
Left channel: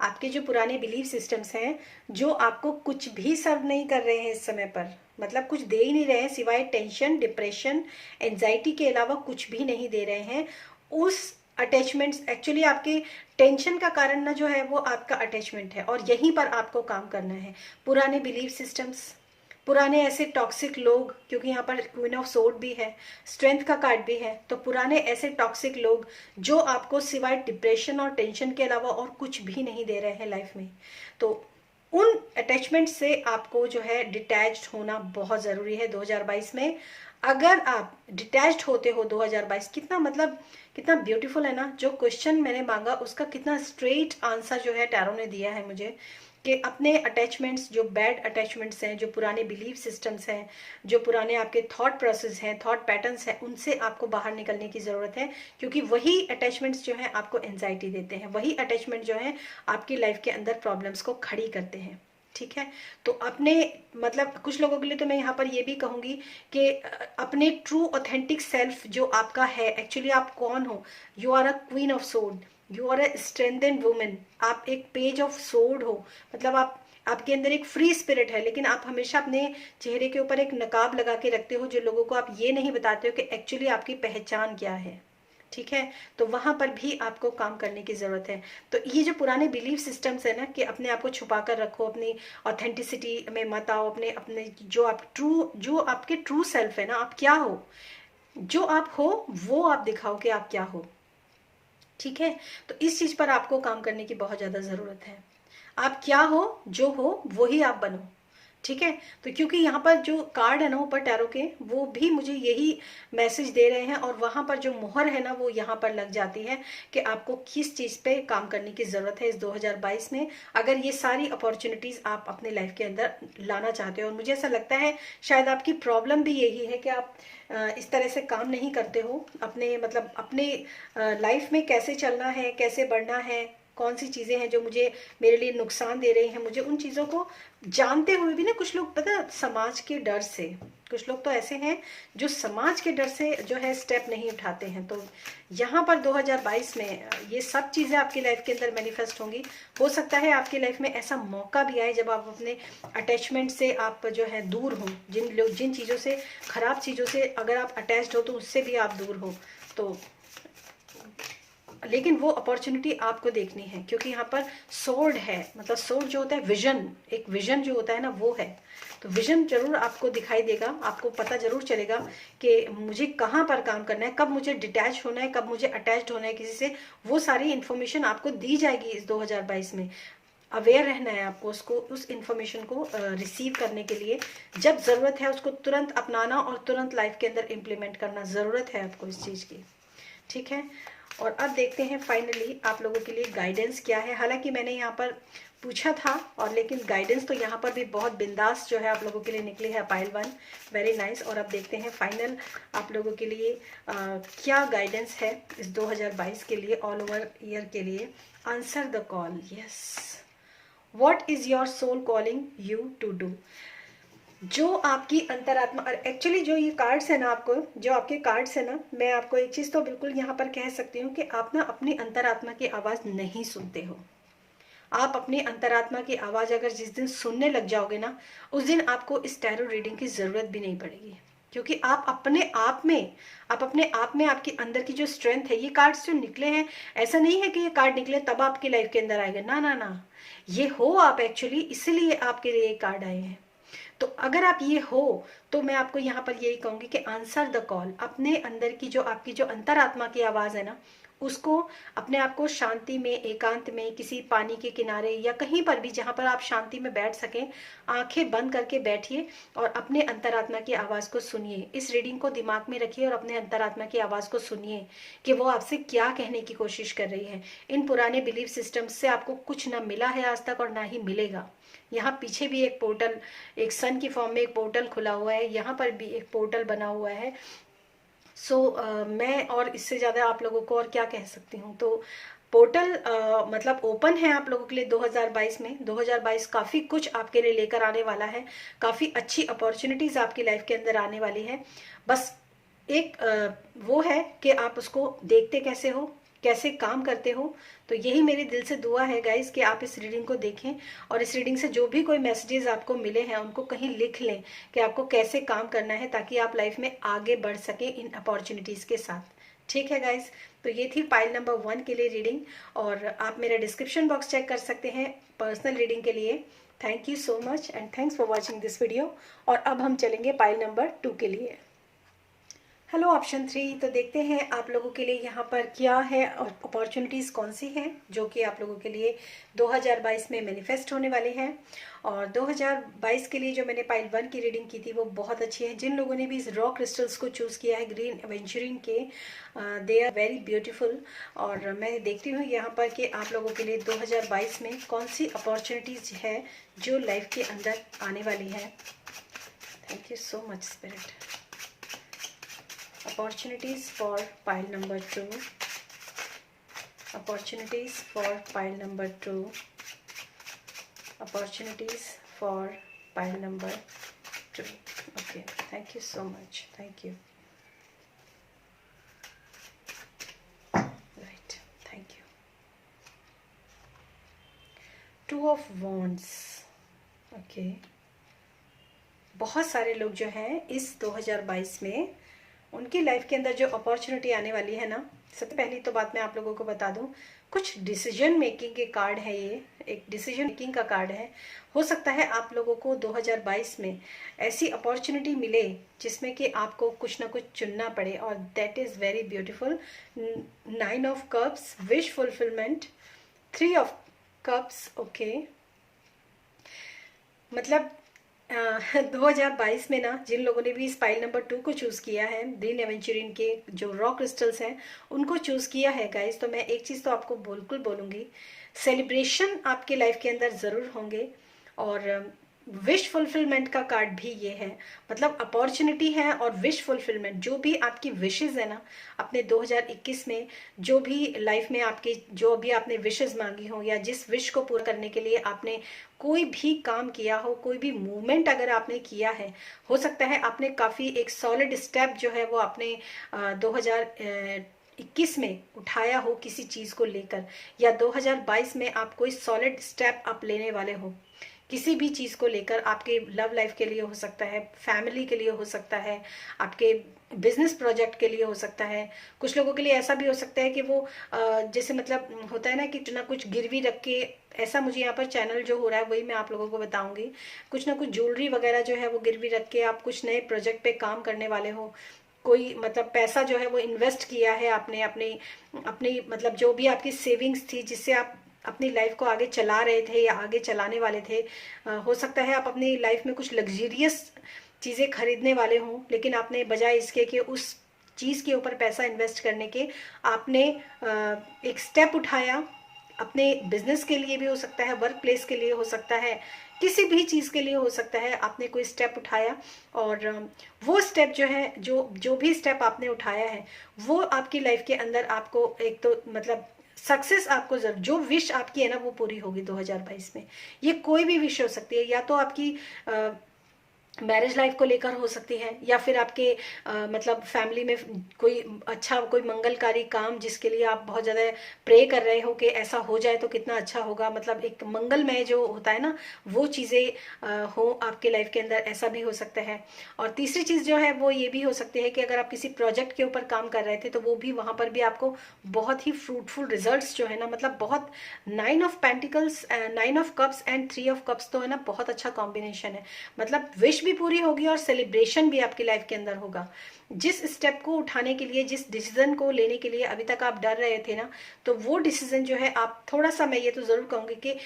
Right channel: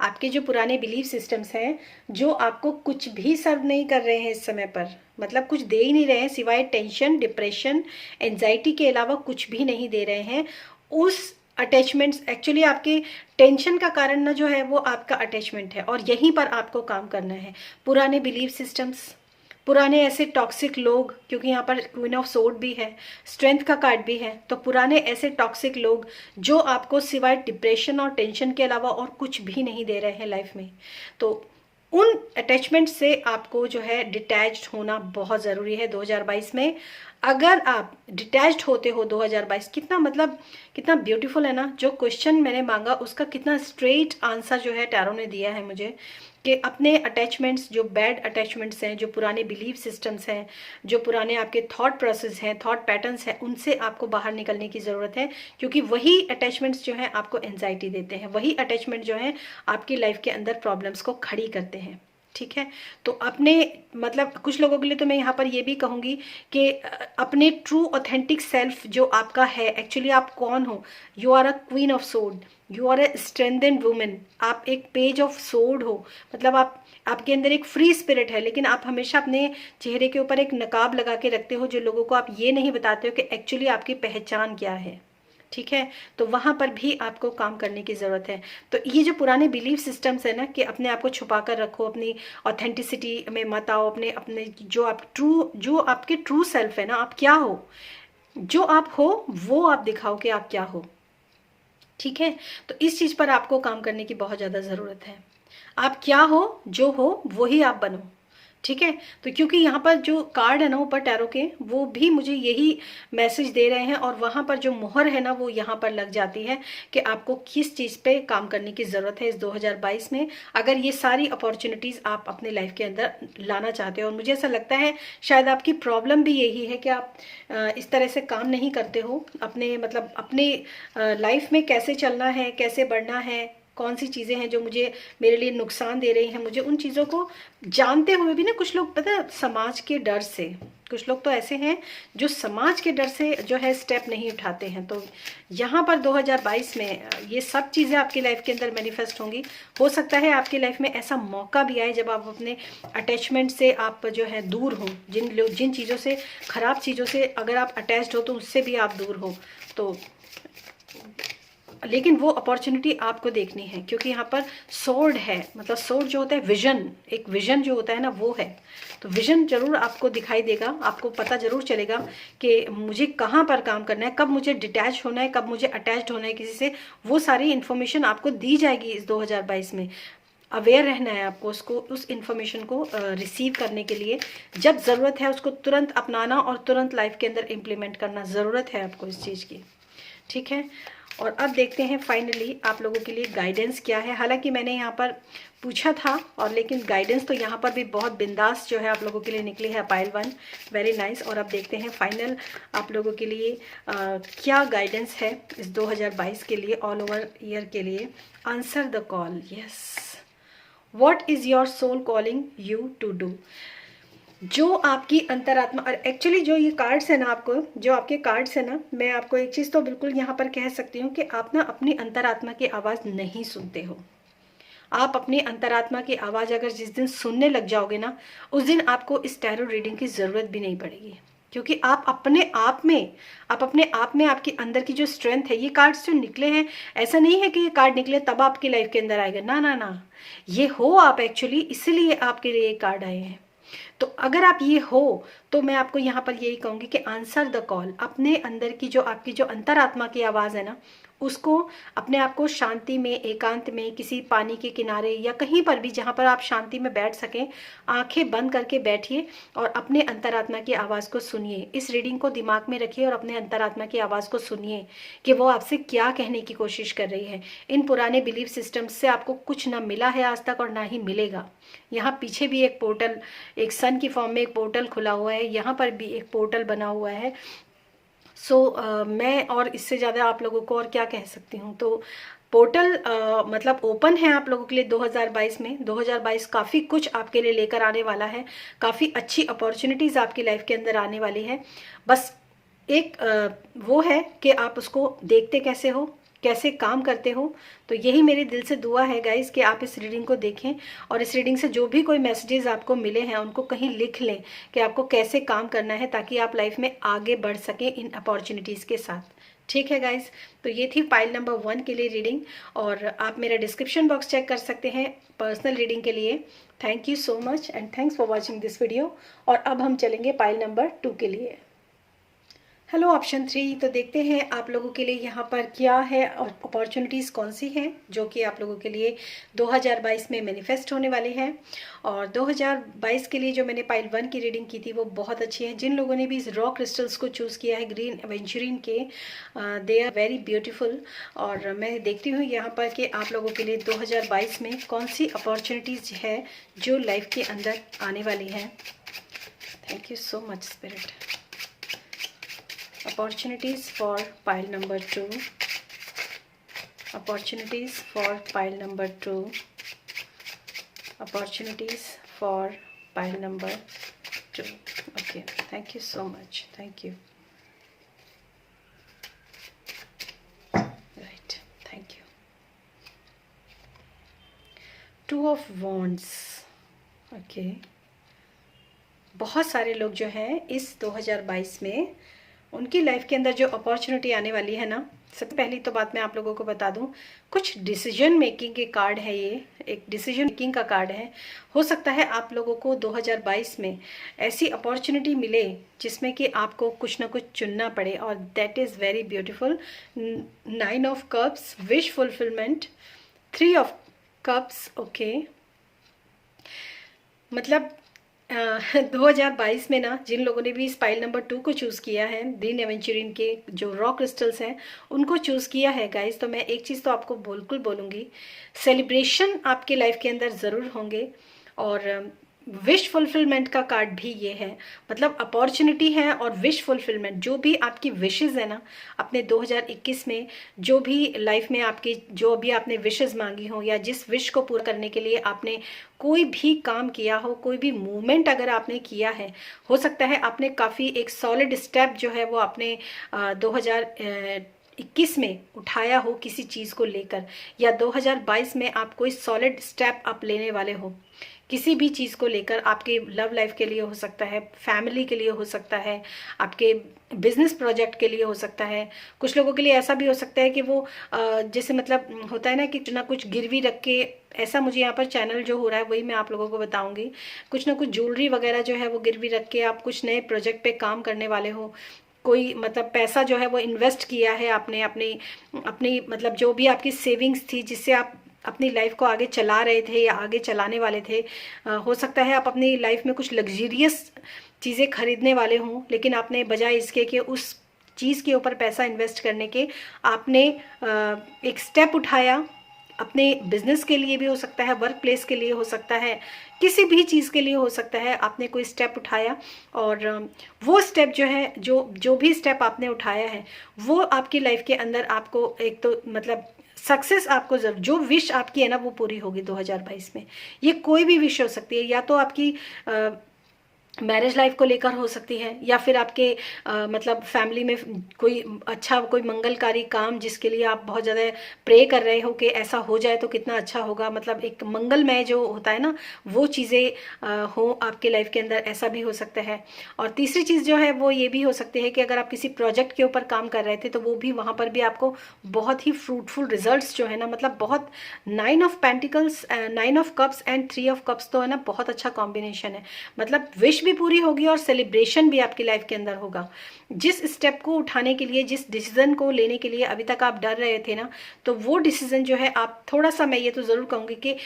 आपके जो पुराने बिलीफ सिस्टम्स हैं जो आपको कुछ भी सर्व नहीं कर रहे हैं इस समय पर, मतलब कुछ दे ही नहीं रहे हैं सिवाय टेंशन, डिप्रेशन, एंजाइटी के अलावा कुछ भी नहीं दे रहे हैं। उस अटैचमेंट्स, एक्चुअली आपके टेंशन का कारण ना जो है वो आपका अटैचमेंट है, और यहीं पर आपको काम करना है। पुराने बिलीफ सिस्टम्स, पुराने ऐसे टॉक्सिक लोग, क्योंकि यहाँ पर क्वीन ऑफ सोर्ड भी है, स्ट्रेंथ का कार्ड भी है, तो पुराने ऐसे टॉक्सिक लोग जो आपको सिवाय डिप्रेशन और टेंशन के अलावा और कुछ भी नहीं दे रहे हैं लाइफ में, तो उन अटैचमेंट से आपको जो है डिटैच्ड होना बहुत ज़रूरी है 2022 में। अगर आप डिटैच्ड होते हो 2022, कितना मतलब कितना ब्यूटीफुल है ना। जो क्वेश्चन मैंने मांगा उसका कितना स्ट्रेट आंसर जो है टैरो ने दिया है मुझे, कि अपने अटैचमेंट्स, जो बैड अटैचमेंट्स हैं, जो पुराने बिलीफ सिस्टम्स हैं, जो पुराने आपके थॉट प्रोसेस हैं, थॉट पैटर्न्स हैं, उनसे आपको बाहर निकलने की ज़रूरत है। क्योंकि वही अटैचमेंट्स जो हैं आपको एंजाइटी देते हैं, वही अटैचमेंट जो है आपकी लाइफ के अंदर प्रॉब्लम्स को खड़ी करते हैं, ठीक है। तो अपने मतलब कुछ लोगों के लिए तो मैं यहाँ पर ये भी कहूँगी कि अपने ट्रू ऑथेंटिक सेल्फ जो आपका है, एक्चुअली आप कौन हो। You are a queen of sword, you are a strengthened women, आप एक पेज ऑफ सोर्ड हो, मतलब आपके अंदर एक फ्री स्पिरिट है, लेकिन आप हमेशा अपने चेहरे के ऊपर एक नकाब लगा के रखते हो, जो लोगों को आप ये नहीं बताते हो कि एक्चुअली आपकी पहचान क्या है, ठीक है। तो वहां पर भी आपको काम करने की ज़रूरत है। तो ये जो पुराने बिलीफ सिस्टम्स है ना, कि अपने आप को छुपा कर रखो, अपनी ऑथेंटिसिटी में मत आओ, अपने अपने जो आपके ट्रू सेल्फ है ना, आप क्या हो, जो आप हो वो आप दिखाओ कि आप क्या हो, ठीक है। तो इस चीज़ पर आपको काम करने की बहुत ज़्यादा ज़रूरत है। आप क्या हो, जो हो वही आप बनो, ठीक है। तो क्योंकि यहाँ पर जो कार्ड है ना ऊपर टैरो के, वो भी मुझे यही मैसेज दे रहे हैं, और वहाँ पर जो मोहर है ना वो यहाँ पर लग जाती है कि आपको किस चीज़ पे काम करने की ज़रूरत है इस 2022 में, अगर ये सारी अपॉर्चुनिटीज़ आप अपने लाइफ के अंदर लाना चाहते हो। और मुझे ऐसा लगता है शायद आपकी प्रॉब्लम भी यही है कि आप इस तरह से काम नहीं करते हो अपने, मतलब अपने लाइफ में कैसे चलना है, कैसे बढ़ना है, कौन सी चीज़ें हैं जो मुझे मेरे लिए नुकसान दे रही हैं, मुझे उन चीज़ों को जानते हुए भी ना, कुछ लोग पता है समाज के डर से, कुछ लोग तो ऐसे हैं जो समाज के डर से जो है स्टेप नहीं उठाते हैं। तो यहाँ पर 2022 में ये सब चीज़ें आपकी लाइफ के अंदर मैनिफेस्ट होंगी। हो सकता है आपकी लाइफ में ऐसा मौका भी आए जब आप अपने अटैचमेंट से आप जो है दूर हो, जिन चीज़ों से, खराब चीज़ों से अगर आप अटैच्ड हो तो उससे भी आप दूर हो। तो लेकिन वो अपॉर्चुनिटी आपको देखनी है, क्योंकि यहाँ पर सोर्ड है, मतलब सोर्ड जो होता है विजन, एक विजन जो होता है ना वो है। तो विजन जरूर आपको दिखाई देगा, आपको पता जरूर चलेगा कि मुझे कहाँ पर काम करना है, कब मुझे डिटैच होना है, कब मुझे अटैच्ड होना है किसी से। वो सारी इन्फॉर्मेशन आपको दी जाएगी इस 2022 में। अवेयर रहना है आपको, उसको, उस इन्फॉर्मेशन को रिसीव करने के लिए जब ज़रूरत है उसको तुरंत अपनाना और तुरंत लाइफ के अंदर इम्प्लीमेंट करना, ज़रूरत है आपको इस चीज़ की, ठीक है। और अब देखते हैं फाइनली आप लोगों के लिए गाइडेंस क्या है। हालांकि मैंने यहाँ पर पूछा था, और लेकिन गाइडेंस तो यहाँ पर भी बहुत बिंदास जो है आप लोगों के लिए निकली है। Pile 1 very nice. और अब देखते हैं फाइनल आप लोगों के लिए क्या गाइडेंस है इस 2022 के लिए, ऑल ओवर ईयर के लिए। Answer the call, yes, what is your soul calling you to do. जो आपकी अंतरात्मा, और एक्चुअली जो ये कार्ड्स है ना, आपको जो आपके कार्ड्स है ना, मैं आपको एक चीज़ तो बिल्कुल यहाँ पर कह सकती हूँ कि आप ना अपनी अंतरात्मा की आवाज़ नहीं सुनते हो। आप अपनी अंतरात्मा की आवाज़ अगर जिस दिन सुनने लग जाओगे ना, उस दिन आपको इस टैरो रीडिंग की ज़रूरत भी नहीं पड़ेगी, क्योंकि आप अपने आप में आपके अंदर की जो स्ट्रेंथ है, ये कार्ड्स जो निकले हैं, ऐसा नहीं है कि ये कार्ड निकले तब आपकी लाइफ के अंदर आएगा, ना ना ना, ये हो आप एक्चुअली, इसीलिए आपके लिए ये कार्ड आए हैं। तो अगर आप ये हो तो मैं आपको यहाँ पर यही कहूँगी कि आंसर द कॉल। अपने अंदर की जो आपकी जो अंतरात्मा की आवाज़ है ना, उसको अपने आप को शांति में, एकांत में, किसी पानी के किनारे या कहीं पर भी जहाँ पर आप शांति में बैठ सकें, आंखें बंद करके बैठिए और अपने अंतरात्मा की आवाज़ को सुनिए। इस रीडिंग को दिमाग में रखिए और अपने अंतरात्मा की आवाज़ को सुनिए कि वो आपसे क्या कहने की कोशिश कर रही है। इन पुराने बिलीफ सिस्टम से आपको कुछ ना मिला है आज तक और ना ही मिलेगा। यहाँ पीछे भी एक पोर्टल, एक सन की फॉर्म में एक पोर्टल खुला हुआ है, यहाँ पर भी एक पोर्टल बना हुआ है। मैं और इससे ज़्यादा आप लोगों को और क्या कह सकती हूँ। तो पोर्टल मतलब ओपन है आप लोगों के लिए 2022 में। 2022 काफ़ी कुछ आपके लिए लेकर आने वाला है, काफ़ी अच्छी अपॉर्चुनिटीज़ आपकी लाइफ के अंदर आने वाली है। बस एक वो है कि आप उसको देखते कैसे हो, कैसे काम करते हो। तो यही मेरे दिल से दुआ है गाइस कि आप इस रीडिंग को देखें और इस रीडिंग से जो भी कोई मैसेजेस आपको मिले हैं उनको कहीं लिख लें कि आपको कैसे काम करना है, ताकि आप लाइफ में आगे बढ़ सकें इन अपॉर्चुनिटीज़ के साथ। ठीक है गाइस, तो ये थी पाइल नंबर 1 के लिए रीडिंग, और आप मेरा डिस्क्रिप्शन बॉक्स चेक कर सकते हैं पर्सनल रीडिंग के लिए। Thank you so much and thanks for watching this video. और अब हम चलेंगे पाइल नंबर 2 के लिए। हेलो ऑप्शन 3, तो देखते हैं आप लोगों के लिए यहाँ पर क्या है और अपॉर्चुनिटीज़ कौन सी हैं जो कि आप लोगों के लिए 2022 में मैनिफेस्ट होने वाली हैं। और 2022 के लिए जो मैंने पाइल 1 की रीडिंग की थी वो बहुत अच्छी है। जिन लोगों ने भी इस रॉ क्रिस्टल्स को चूज़ किया है ग्रीन एवेंचुरिन के, दे आर वेरी ब्यूटीफुल। और मैं देखती हूँ यहाँ पर कि आप लोगों के लिए 2022 में कौन सी अपॉर्चुनिटीज़ है जो लाइफ के अंदर आने वाली है। Thank you so much spirit. Opportunities for pile number 2. Opportunities for pile number 2. Opportunities for pile number 2. Okay, thank you so much. Thank you. Right, thank you. 2 of Wands. Okay. बहुत सारे लोग जो हैं इस 2022 में उनकी लाइफ के अंदर जो अपॉर्चुनिटी आने वाली है ना, सबसे पहली तो बात मैं आप लोगों को बता दूं, कुछ डिसीजन मेकिंग के कार्ड है। ये एक डिसीजन मेकिंग का कार्ड है। हो सकता है आप लोगों को 2022 में ऐसी अपॉर्चुनिटी मिले जिसमें कि आपको कुछ ना कुछ चुनना पड़े, और that is very beautiful. 9 of cups, wish fulfilment, 3 of cups. Okay, मतलब 2022 में ना जिन लोगों ने भी इस पाइल नंबर 2 को चूज़ किया है, ग्रीन एवेंचुरिन के जो रॉ क्रिस्टल्स हैं उनको चूज़ किया है गाइस, तो मैं एक चीज़ तो आपको बिल्कुल बोलूँगी, सेलिब्रेशन आपके लाइफ के अंदर ज़रूर होंगे। और विश फुलफिलमेंट का कार्ड भी ये है, मतलब अपॉर्चुनिटी है और विश फुलफिलमेंट। जो भी आपकी विशेज़ है ना अपने 2021 में, जो भी लाइफ में आपकी जो भी आपने विशेज़ मांगी हो या जिस विश को पूरा करने के लिए आपने कोई भी काम किया हो, कोई भी मूवमेंट अगर आपने किया है, हो सकता है आपने काफ़ी एक सॉलिड स्टेप जो है वो आपने 2021 में उठाया हो किसी चीज़ को लेकर, या 2022 में आप कोई सॉलिड स्टेप आप लेने वाले हो किसी भी चीज़ को लेकर। आपके लव लाइफ के लिए हो सकता है, फैमिली के लिए हो सकता है, आपके बिजनेस प्रोजेक्ट के लिए हो सकता है। कुछ लोगों के लिए ऐसा भी हो सकता है कि वो जैसे मतलब होता है ना कि ना कुछ गिरवी रख के, ऐसा मुझे यहाँ पर चैनल जो हो रहा है वही मैं आप लोगों को बताऊंगी, कुछ ना कुछ ज्वेलरी वगैरह जो है वो गिरवी रख के आप कुछ नए प्रोजेक्ट पे काम करने वाले हो। कोई मतलब पैसा जो है वो इन्वेस्ट किया है आपने अपनी अपनी मतलब जो भी आपकी सेविंग्स थी जिससे आप अपनी लाइफ को आगे चला रहे थे या आगे चलाने वाले थे। हो सकता है आप अपनी लाइफ में कुछ लग्जरियस चीज़ें खरीदने वाले हों, लेकिन आपने बजाय इसके कि उस चीज़ के ऊपर पैसा इन्वेस्ट करने के आपने एक स्टेप उठाया। अपने बिजनेस के लिए भी हो सकता है, वर्क प्लेस के लिए हो सकता है, किसी भी चीज़ के लिए हो सकता है, आपने कोई स्टेप उठाया और वो स्टेप जो है जो भी स्टेप आपने उठाया है वो आपकी लाइफ के अंदर आपको एक तो मतलब सक्सेस आपको जरूर, जो विश आपकी है ना वो पूरी होगी 2022 में। ये कोई भी विश हो सकती है, या तो आपकी मैरिज लाइफ को लेकर हो सकती है, या फिर आपके मतलब फैमिली में कोई अच्छा कोई मंगलकारी काम जिसके लिए आप बहुत ज़्यादा प्रे कर रहे हो कि ऐसा हो जाए तो कितना अच्छा होगा, मतलब एक मंगलमय जो होता है ना वो चीज़ें हो आपके लाइफ के अंदर, ऐसा भी हो सकता है। और तीसरी चीज़ जो है वो ये भी हो सकती है कि अगर आप किसी प्रोजेक्ट के ऊपर काम कर रहे थे तो वो भी वहाँ पर भी आपको बहुत ही फ्रूटफुल रिजल्ट्स जो है ना, मतलब बहुत 9 of pentacles, 9 of cups and 3 of cups तो है ना बहुत अच्छा कॉम्बिनेशन है। मतलब विश भी पूरी होगी और सेलिब्रेशन भी आपकी लाइफ के अंदर होगा। जिस स्टेप को उठाने के लिए, जिस डिसीजन को लेने के लिए अभी तक आप डर रहे थे ना, तो वो डिसीजन जो है आप थोड़ा सा, मैं ये तो ज़रूर कहूँगी कि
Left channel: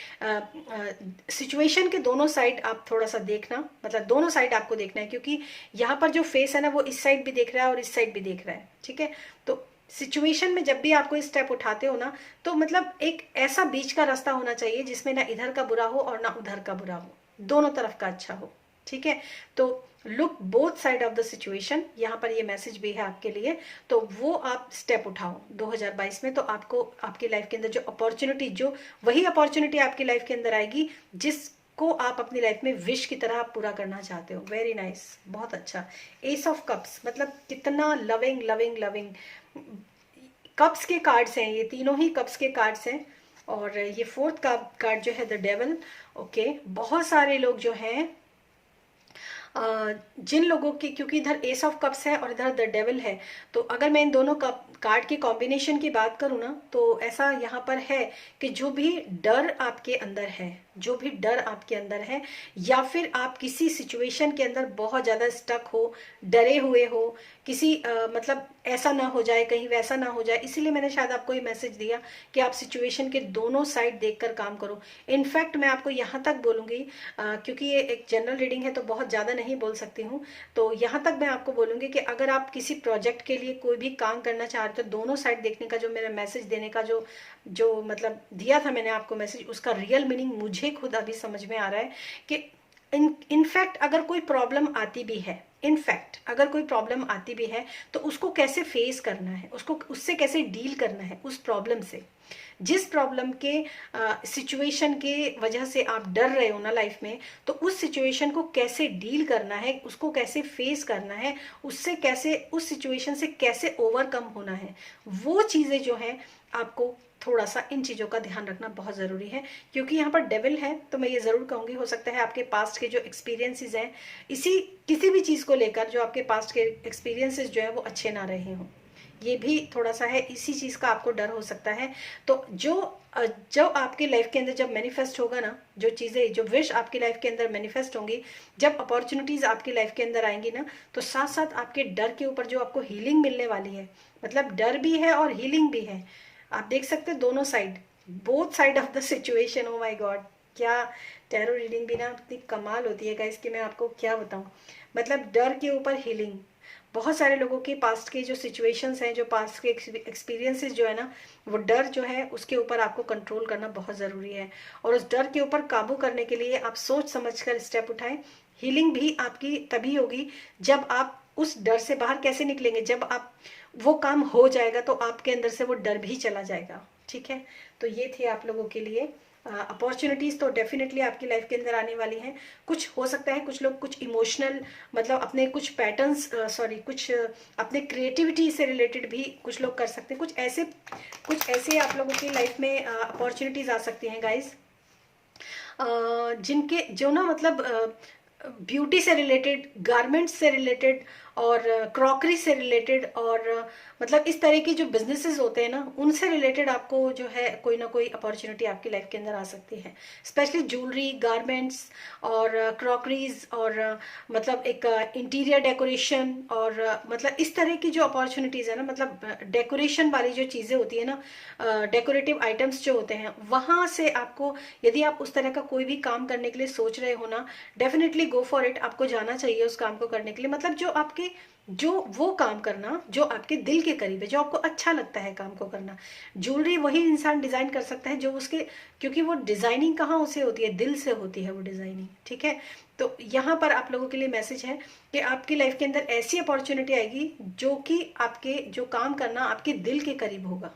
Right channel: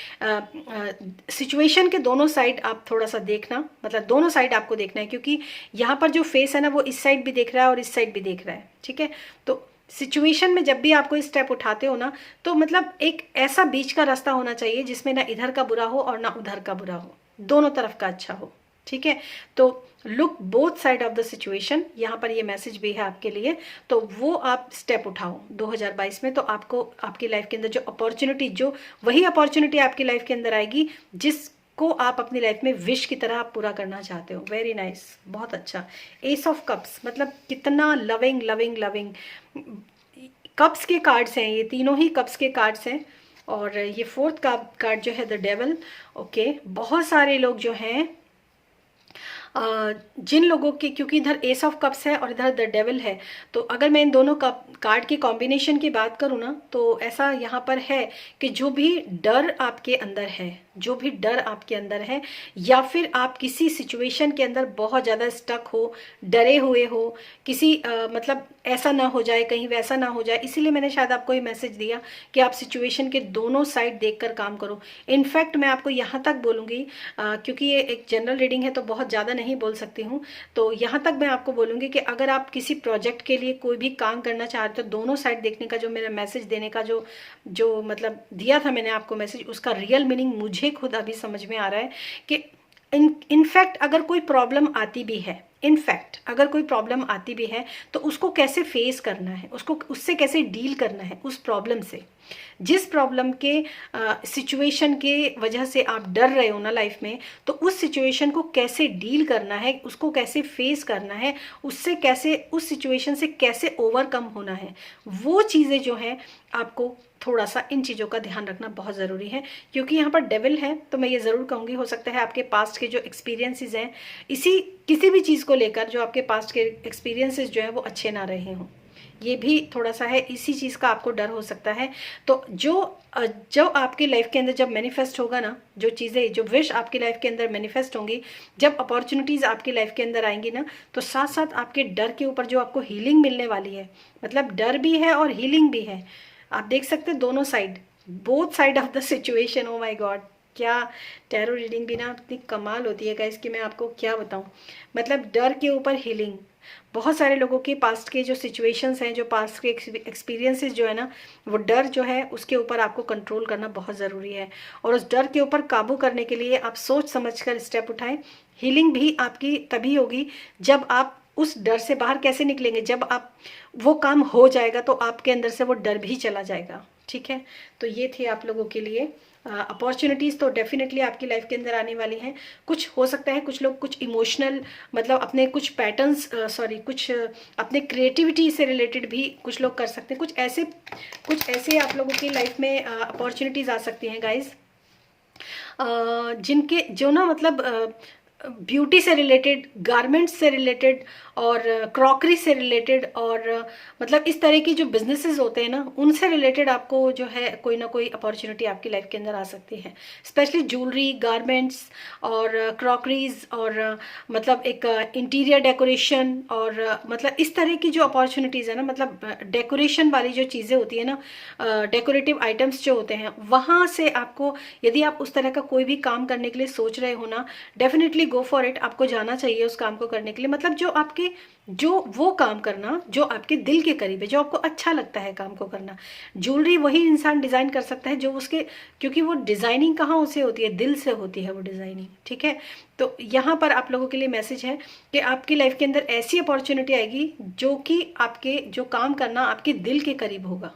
सिचुएशन के दोनों साइड आप थोड़ा सा देखना, मतलब दोनों साइड आपको देखना है, क्योंकि यहाँ पर जो फेस है ना वो इस साइड भी देख रहा है और इस साइड भी देख रहा है, ठीक है। तो सिचुएशन में जब भी आप कोई स्टेप उठाते हो ना, तो मतलब एक ऐसा बीच का रास्ता होना चाहिए जिसमें ना इधर का बुरा हो और ना उधर का बुरा हो, दोनों तरफ का अच्छा हो, ठीक है। तो look both side of the situation, यहाँ पर ये मैसेज भी है आपके लिए। तो वो आप स्टेप उठाओ 2022 में, तो आपको आपकी लाइफ के अंदर जो अपॉर्चुनिटी, जो वही अपॉर्चुनिटी आपकी लाइफ के अंदर आएगी जिसको आप अपनी लाइफ में विश की तरह आप पूरा करना चाहते हो। वेरी नाइस, बहुत अच्छा। एस ऑफ कप्स, मतलब कितना लविंग लविंग लविंग। कप्स के कार्ड्स हैं, ये तीनों ही कप्स के कार्ड्स हैं। और ये फोर्थ कार्ड जो है द डेविल। ओके, बहुत सारे लोग जो हैं, जिन लोगों की, क्योंकि इधर एस ऑफ कप्स है और इधर द डेविल है, तो अगर मैं इन दोनों कार्ड की कॉम्बिनेशन की बात करूँ ना, तो ऐसा यहाँ पर है कि जो भी डर आपके अंदर है, जो भी डर आपके अंदर है, या फिर आप किसी सिचुएशन के अंदर बहुत ज़्यादा स्टक हो, डरे हुए हो, किसी मतलब ऐसा ना हो जाए, कहीं वैसा ना हो जाए, इसीलिए मैंने शायद आपको ये मैसेज दिया कि आप सिचुएशन के दोनों साइड देखकर काम करो। इनफैक्ट मैं आपको यहाँ तक बोलूँगी, क्योंकि ये एक जनरल रीडिंग है तो बहुत ज़्यादा नहीं बोल सकती हूँ, तो यहाँ तक मैं आपको बोलूँगी कि अगर आप किसी प्रोजेक्ट के लिए कोई भी काम करना चाह रहे हो, तो दोनों साइड देखने का जो मेरा मैसेज देने का जो मतलब दिया था मैंने आपको मैसेज, उसका रियल मीनिंग मुझे खुद अभी समझ में आ रहा है कि इनफैक्ट अगर कोई प्रॉब्लम आती भी है, इनफैक्ट अगर कोई प्रॉब्लम आती भी है, तो उसको कैसे फेस करना है, उसको उससे कैसे डील करना है, उस प्रॉब्लम से, जिस प्रॉब्लम के सिचुएशन के वजह से आप डर रहे हो ना लाइफ में, तो उस सिचुएशन को कैसे डील करना है, उसको कैसे फेस करना है, उससे कैसे, उस सिचुएशन से कैसे ओवरकम होना है, वो चीज़ें जो हैं आपको थोड़ा सा इन चीज़ों का ध्यान रखना बहुत ज़रूरी है। क्योंकि यहाँ पर डेविल है, तो मैं ये ज़रूर कहूँगी, हो सकता है आपके पास्ट के जो एक्सपीरियंसेस हैं, किसी भी चीज़ को लेकर जो आपके पास्ट के एक्सपीरियंसेस जो है वो अच्छे ना रहे हों, ये भी थोड़ा सा है, इसी चीज़ का आपको डर हो सकता है। तो जो आपकी लाइफ के अंदर जब मैनिफेस्ट होगा ना, जो चीज़ें, जो विश आपकी लाइफ के अंदर मैनिफेस्ट होंगी, जब अपॉर्चुनिटीज़ आपकी लाइफ के अंदर आएंगी ना, तो साथ साथ आपके डर के ऊपर जो आपको हीलिंग मिलने वाली है, मतलब डर भी है और हीलिंग भी है। आप देख सकते हैं दोनों side, both side of the situation. Oh my God, क्या टैरो रीडिंग भी ना इतनी कमाल होती है गाइस कि मैं आपको क्या बताऊं। मतलब डर के ऊपर हीलिंग, बहुत सारे लोगों के पास्ट के जो सिचुएशंस हैं, जो पास्ट के एक्सपीरियंसेस जो है ना, वो डर जो है उसके ऊपर आपको कंट्रोल करना बहुत ज़रूरी है। और उस डर के ऊपर काबू करने के लिए आप सोच समझकर स्टेप उठाएं। हीलिंग भी आपकी तभी होगी जब आप उस डर से बाहर कैसे निकलेंगे, जब आप वो काम हो जाएगा तो आपके अंदर से वो डर भी चला जाएगा, ठीक है। तो ये थे आप लोगों के लिए अपॉर्चुनिटीज़, तो डेफिनेटली आपकी लाइफ के अंदर आने वाली हैं। कुछ हो सकता है कुछ लोग कुछ इमोशनल, मतलब अपने कुछ पैटर्न्स, कुछ अपने क्रिएटिविटी से रिलेटेड भी कुछ लोग कर सकते हैं, कुछ ऐसे आप लोगों की लाइफ में अपॉर्चुनिटीज़ आ सकती हैं गाइज, जिनके जो ना मतलब ब्यूटी से रिलेटेड, गारमेंट्स से रिलेटेड और क्रॉकरी से रिलेटेड, और मतलब इस तरह की जो बिजनेसेस होते हैं ना, उनसे रिलेटेड आपको जो है कोई ना कोई अपॉर्चुनिटी आपकी लाइफ के अंदर आ सकती है। स्पेशली ज्वेलरी, गारमेंट्स और क्रॉकरीज और मतलब एक इंटीरियर डेकोरेशन, और मतलब इस तरह की जो अपॉर्चुनिटीज़ है ना, मतलब डेकोरेशन वाली जो चीज़ें होती है ना, डेकोरेटिव आइटम्स जो होते हैं, वहाँ से आपको, यदि आप उस तरह का कोई भी काम करने के लिए सोच रहे हो ना, डेफिनेटली गो फॉर इट, आपको जाना चाहिए उस काम को करने के लिए। मतलब जो वो काम करना जो आपके दिल के करीब है, जो आपको अच्छा लगता है काम को करना। ज्वेलरी वही इंसान डिज़ाइन कर सकता है जो उसके, क्योंकि वो डिज़ाइनिंग कहाँ से होती है, दिल से होती है वो डिज़ाइनिंग, ठीक है। तो यहाँ पर आप लोगों के लिए मैसेज है कि आपकी लाइफ के अंदर ऐसी अपॉर्चुनिटी आएगी जो कि आपके जो काम करना आपके दिल के करीब होगा,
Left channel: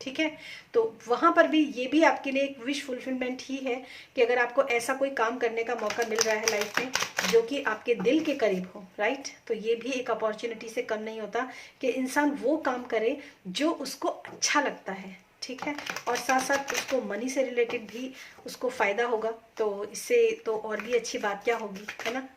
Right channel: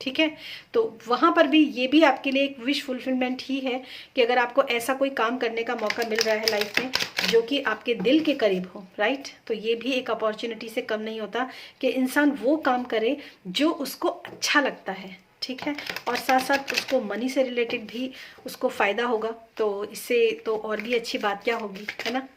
ठीक है। तो वहाँ पर भी ये भी आपके लिए एक विश फुलफिलमेंट ही है कि अगर आपको ऐसा कोई काम करने का मौका मिल रहा है लाइफ में जो कि आपके दिल के करीब हो, राइट, तो ये भी एक अपॉर्चुनिटी से कम नहीं होता कि इंसान वो काम करे जो उसको अच्छा लगता है, ठीक है। और साथ साथ उसको मनी से रिलेटेड भी उसको फ़ायदा होगा, तो इससे तो और भी अच्छी बात क्या होगी, है ना।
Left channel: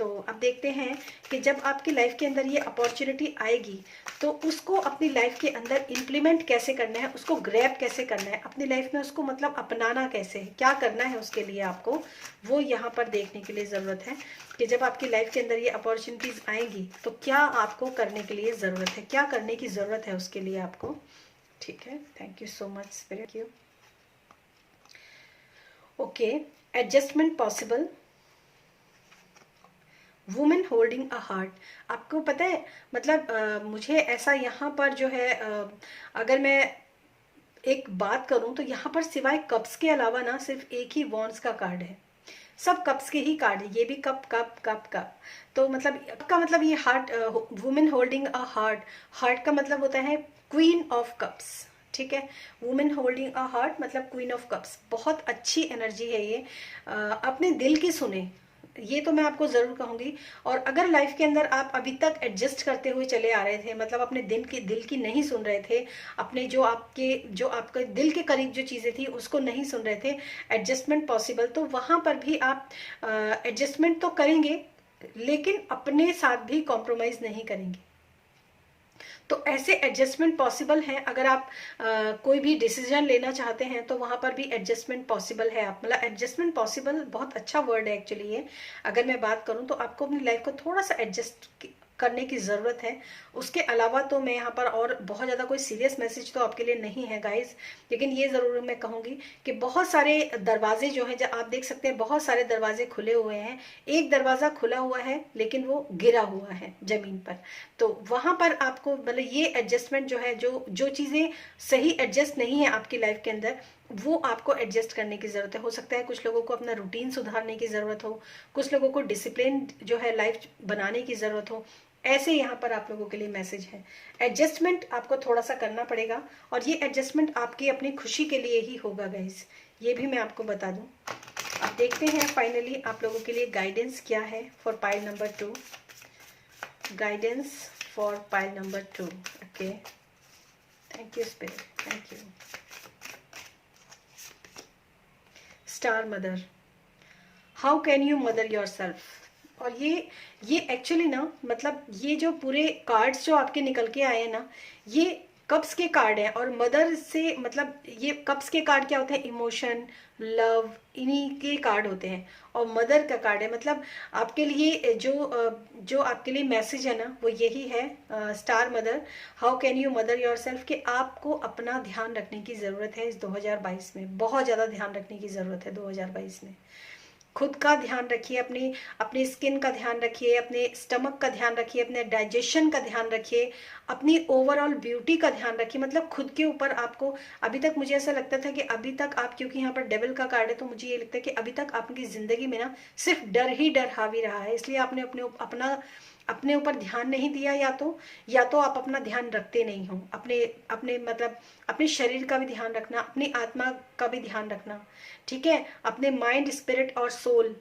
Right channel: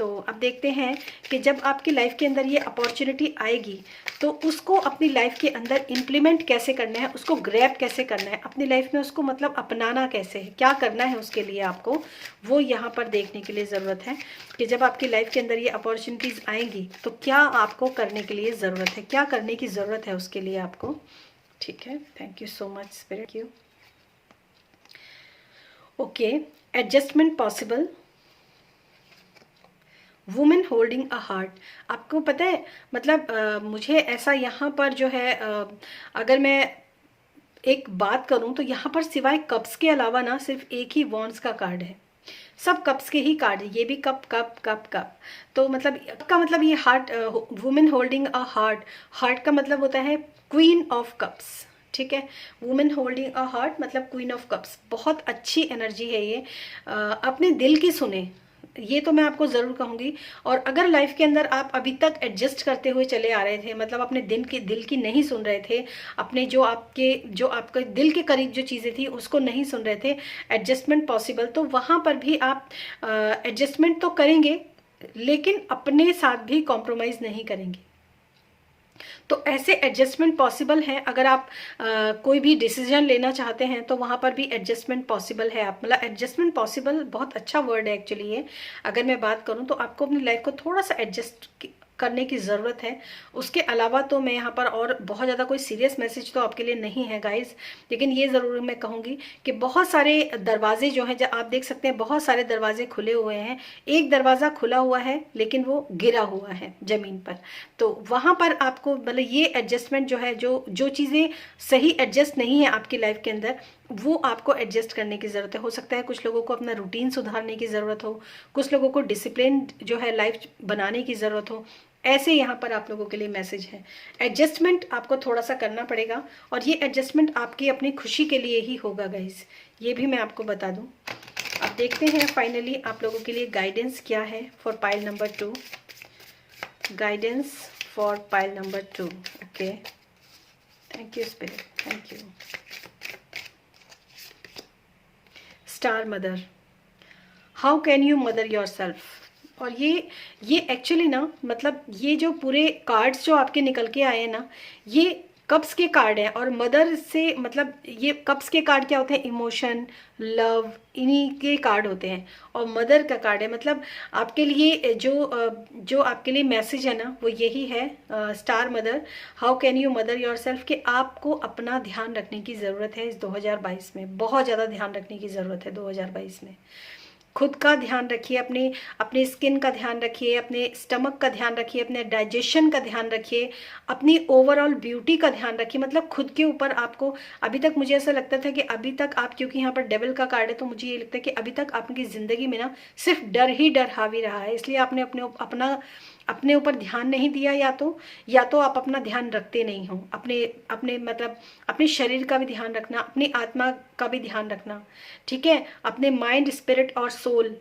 तो अब देखते हैं कि जब आपकी लाइफ के अंदर ये अपॉर्चुनिटी आएगी तो उसको अपनी लाइफ के अंदर इम्प्लीमेंट कैसे करना है, उसको ग्रैब कैसे करना है, अपनी लाइफ में उसको मतलब अपनाना कैसे है, क्या करना है उसके लिए आपको, वो यहाँ पर देखने के लिए ज़रूरत है कि जब आपकी लाइफ के अंदर ये अपॉर्चुनिटीज़ आएंगी तो क्या आपको करने के लिए ज़रूरत है, क्या करने की ज़रूरत है उसके लिए आपको। ठीक है, thank you so much spirit you. Okay, adjustment possible, women holding a heart. आपको पता है मतलब मुझे ऐसा यहाँ पर जो है अगर मैं एक बात करूं तो यहाँ पर सिवाय कप्स के अलावा ना सिर्फ एक ही वॉन्ड्स का कार्ड है, सब कप्स के ही कार्ड है, ये भी कप कप कप कप। तो मतलब का मतलब ये heart, women holding a heart, heart का मतलब होता है क्वीन ऑफ कप्स। ठीक है, वुमेन होल्डिंग अ हार्ट मतलब क्वीन ऑफ कप्स, बहुत अच्छी एनर्जी है ये। अपने दिल की सुने, ये तो मैं आपको ज़रूर कहूँगी। और अगर लाइफ के अंदर आप अभी तक एडजस्ट करते हुए चले आ रहे थे, मतलब अपने दिल की नहीं सुन रहे थे, अपने जो आपके दिल के करीब जो चीज़ें थी उसको नहीं सुन रहे थे, एडजस्टमेंट पॉसिबल, तो वहाँ पर भी आप एडजस्टमेंट तो करेंगे लेकिन अपने साथ भी कॉम्प्रोमाइज़ नहीं करेंगे। तो ऐसे एडजस्टमेंट पॉसिबल हैं। अगर आप कोई भी डिसीजन लेना चाहते हैं तो वहाँ पर भी एडजस्टमेंट पॉसिबल है। आप मतलब एडजस्टमेंट पॉसिबल बहुत अच्छा वर्ड है एक्चुअली ये। अगर मैं बात करूँ तो आपको अपनी लाइफ को थोड़ा सा एडजस्ट करने की ज़रूरत है। उसके अलावा तो मैं यहाँ पर और बहुत ज़्यादा कोई सीरियस मैसेज तो आपके लिए नहीं है गाइस, लेकिन ये ज़रूर मैं कहूँगी कि बहुत सारे दरवाजे जो हैं, जब आप देख सकते हैं बहुत सारे दरवाजे खुले हुए हैं, एक दरवाज़ा खुला हुआ है लेकिन वो गिरा हुआ है ज़मीन पर। तो वहाँ पर आपको मतलब ये एडजस्टमेंट जो है, जो जो चीज़ें सही एडजस्ट नहीं है आपकी लाइफ के अंदर, वो आपको एडजस्ट करने की ज़रूरत है। हो सकता है कुछ लोगों को अपना रूटीन सुधारने की ज़रूरत हो, कुछ लोगों को डिसिप्लिन जो है लाइफ बनाने की ज़रूरत हो। ऐसे यहाँ पर आप लोगों के लिए मैसेज है। एडजस्टमेंट आपको थोड़ा सा करना पड़ेगा और ये एडजस्टमेंट आपकी अपनी खुशी के लिए ही होगा गाइस, ये भी मैं आपको बता दूं। अब देखते हैं फाइनली आप लोगों के लिए गाइडेंस क्या है for pile number 2। Guidance for pile number 2। Okay, thank you spirit, thank you. Star mother, how can you mother your self. और ये एक्चुअली ना मतलब ये जो पूरे कार्ड्स जो आपके निकल के आए हैं ना, ये कप्स के कार्ड हैं। और मदर से मतलब ये कप्स के कार्ड क्या होते हैं, इमोशन, लव, इन्हीं के कार्ड होते हैं। और मदर का कार्ड है मतलब आपके लिए जो आपके लिए मैसेज है ना वो यही है, star mother, how can you mother your self, कि आपको अपना ध्यान रखने की ज़रूरत है इस 2022 में, बहुत ज़्यादा ध्यान रखने की ज़रूरत है 2022 में। खुद का ध्यान रखिए, अपने स्किन का ध्यान रखिए, अपने स्टमक का ध्यान रखिए, अपने डाइजेशन का ध्यान रखिए, अपनी ओवरऑल ब्यूटी का ध्यान रखिए। मतलब खुद के ऊपर आपको, अभी तक मुझे ऐसा लगता था कि अभी तक आप, क्योंकि यहाँ पर डेविल का कार्ड है तो मुझे ये लगता है कि अभी तक आपकी ज़िंदगी में ना सिर्फ डर ही डर हावी रहा है, इसलिए आपने अपने ऊपर ध्यान नहीं दिया, या तो आप अपना ध्यान रखते नहीं हो। अपने अपने मतलब अपने शरीर का भी ध्यान रखना, अपनी आत्मा का भी ध्यान रखना, ठीक है। अपने माइंड, स्पिरिट और soul,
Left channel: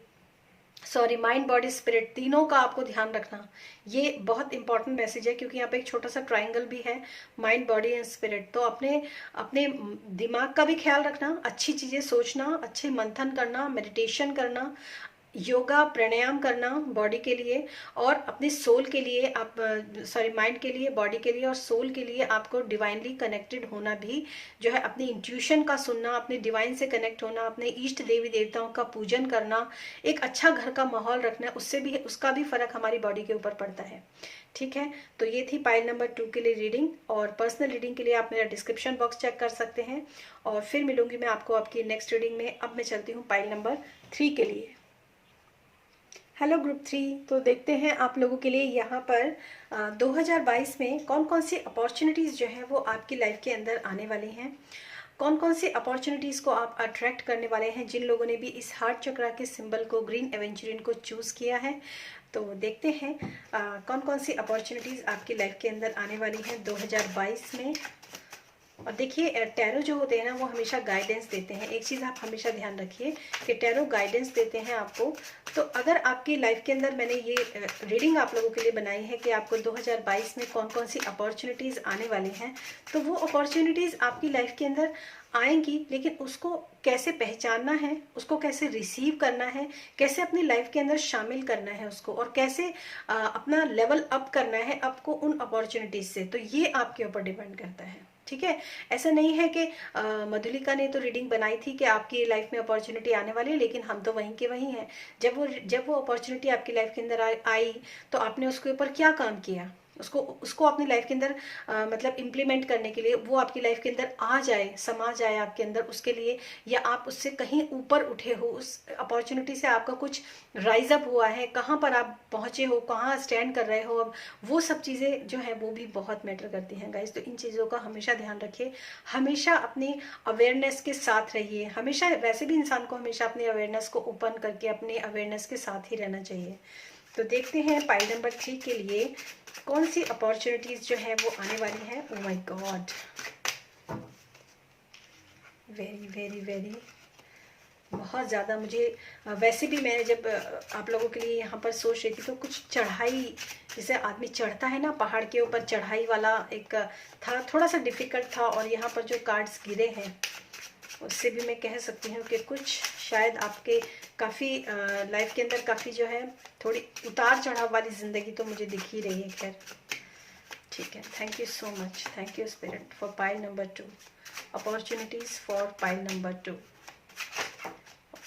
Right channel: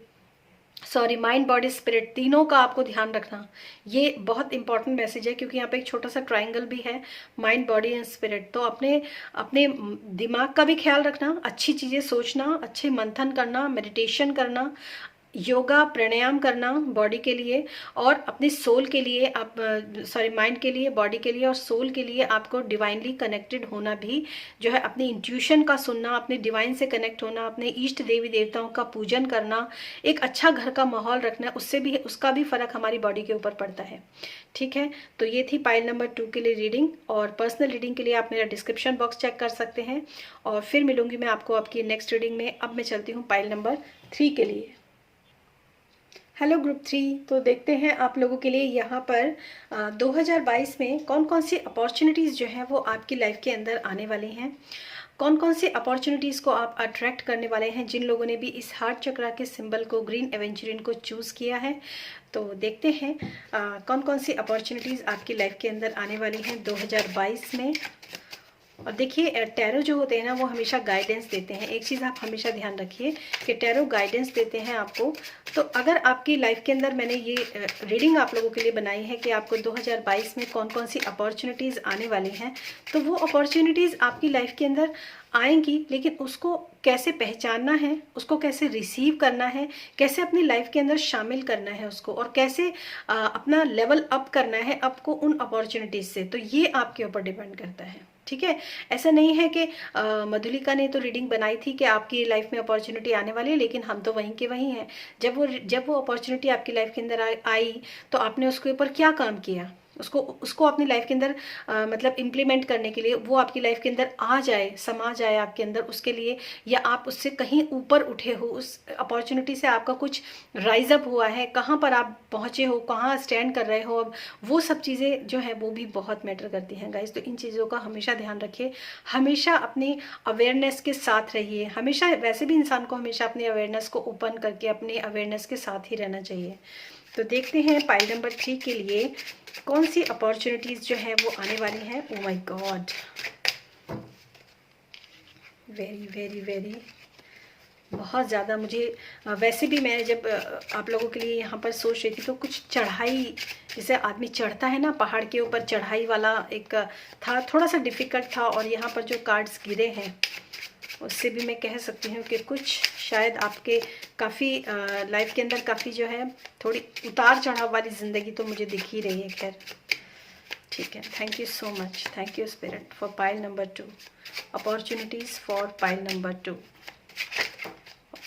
sorry mind, body, spirit, तीनों का आपको ध्यान रखना। ये बहुत इंपॉर्टेंट मैसेज है क्योंकि यहाँ पे एक छोटा सा ट्रायंगल भी है, माइंड, बॉडी एंड स्पिरिट। तो अपने अपने दिमाग का भी ख्याल रखना, अच्छी चीज़ें सोचना, अच्छे मंथन करना, मेडिटेशन करना, योगा प्राणायाम करना बॉडी के लिए, और अपने सोल के लिए आप, सॉरी माइंड के लिए, बॉडी के लिए और सोल के लिए आपको डिवाइनली कनेक्टेड होना भी जो है, अपनी इंट्यूशन का सुनना, अपने डिवाइन से कनेक्ट होना, अपने इष्ट देवी देवताओं का पूजन करना, एक अच्छा घर का माहौल रखना, उससे भी, उसका भी फर्क हमारी बॉडी के ऊपर पड़ता है। ठीक है, तो ये थी पाइल नंबर 2 के लिए रीडिंग। और पर्सनल रीडिंग के लिए आप मेरा डिस्क्रिप्शन बॉक्स चेक कर सकते हैं और फिर मिलूंगी मैं आपको आपकी नेक्स्ट रीडिंग में। अब मैं चलती हूँ पाइल नंबर 3 के लिए। हेलो ग्रुप 3, तो देखते हैं आप लोगों के लिए यहाँ पर 2022 में कौन कौन सी अपॉर्चुनिटीज़ जो हैं वो आपकी लाइफ के अंदर आने वाली हैं, कौन कौन सी अपॉर्चुनिटीज़ को आप अट्रैक्ट करने वाले हैं। जिन लोगों ने भी इस हार्ट चक्रा के सिंबल को, ग्रीन एवेंचुरिन को चूज़ किया है, तो देखते हैं कौन कौन सी अपॉर्चुनिटीज़ आपकी लाइफ के अंदर आने वाली हैं 2022 में। और देखिए टैरो जो होते हैं ना वो हमेशा गाइडेंस देते हैं। एक चीज़ आप हमेशा ध्यान रखिए कि टैरो गाइडेंस देते हैं आपको। तो अगर आपकी लाइफ के अंदर मैंने ये रीडिंग आप लोगों के लिए बनाई है कि आपको 2022 में कौन कौन सी अपॉर्चुनिटीज़ आने वाली हैं, तो वो अपॉर्चुनिटीज़ आपकी लाइफ के अंदर आएंगी, लेकिन उसको कैसे पहचानना है, उसको कैसे रिसीव करना है, कैसे अपनी लाइफ के अंदर शामिल करना है उसको, और कैसे अपना लेवल अप करना है आपको उन अपॉर्चुनिटीज़ से, तो ये आपके ऊपर डिपेंड करता है। ठीक है, ऐसा नहीं है कि मधुलिका ने तो रीडिंग बनाई थी कि आपकी लाइफ में अपॉर्चुनिटी आने वाली है, लेकिन हम तो वहीं के वहीं हैं। जब वो अपॉर्चुनिटी आपकी लाइफ के अंदर आई तो आपने उसके ऊपर क्या काम किया, उसको अपनी लाइफ के अंदर मतलब इम्प्लीमेंट करने के लिए, वो आपकी लाइफ के अंदर आ जाए, समा जाए आपके अंदर, उसके लिए, या आप उससे कहीं ऊपर उठे हो, उस अपॉर्चुनिटी से आपका कुछ राइज अप हुआ है, कहाँ पर आप पहुँचे हो, कहाँ स्टैंड कर रहे हो अब, वो सब चीज़ें जो है वो भी बहुत मैटर करती हैं गाइज। तो इन चीज़ों का हमेशा ध्यान रखिए, हमेशा अपनी अवेयरनेस के साथ रहिए। हमेशा, वैसे भी इंसान को हमेशा अपनी अवेयरनेस को ओपन करके अपनी अवेयरनेस के साथ ही रहना चाहिए। तो देखते हैं पाइल नंबर 3 के लिए कौन सी अपॉर्चुनिटीज जो है वो आने वाली है। Oh my God, very very very, बहुत ज़्यादा मुझे वैसे भी मैं जब आप लोगों के लिए यहाँ पर सोच रही थी तो कुछ चढ़ाई, जैसे आदमी चढ़ता है ना पहाड़ के ऊपर, चढ़ाई वाला एक था, थोड़ा सा डिफिकल्ट था। और यहाँ पर जो कार्ड्स गिरे हैं उससे भी मैं कह सकती हूँ कि कुछ शायद आपके काफ़ी लाइफ के अंदर काफ़ी जो है थोड़ी उतार चढ़ाव वाली ज़िंदगी तो मुझे दिख ही रही है। खैर ठीक है, thank you so much, thank you spirit for pile number 2, opportunities for pile number 2।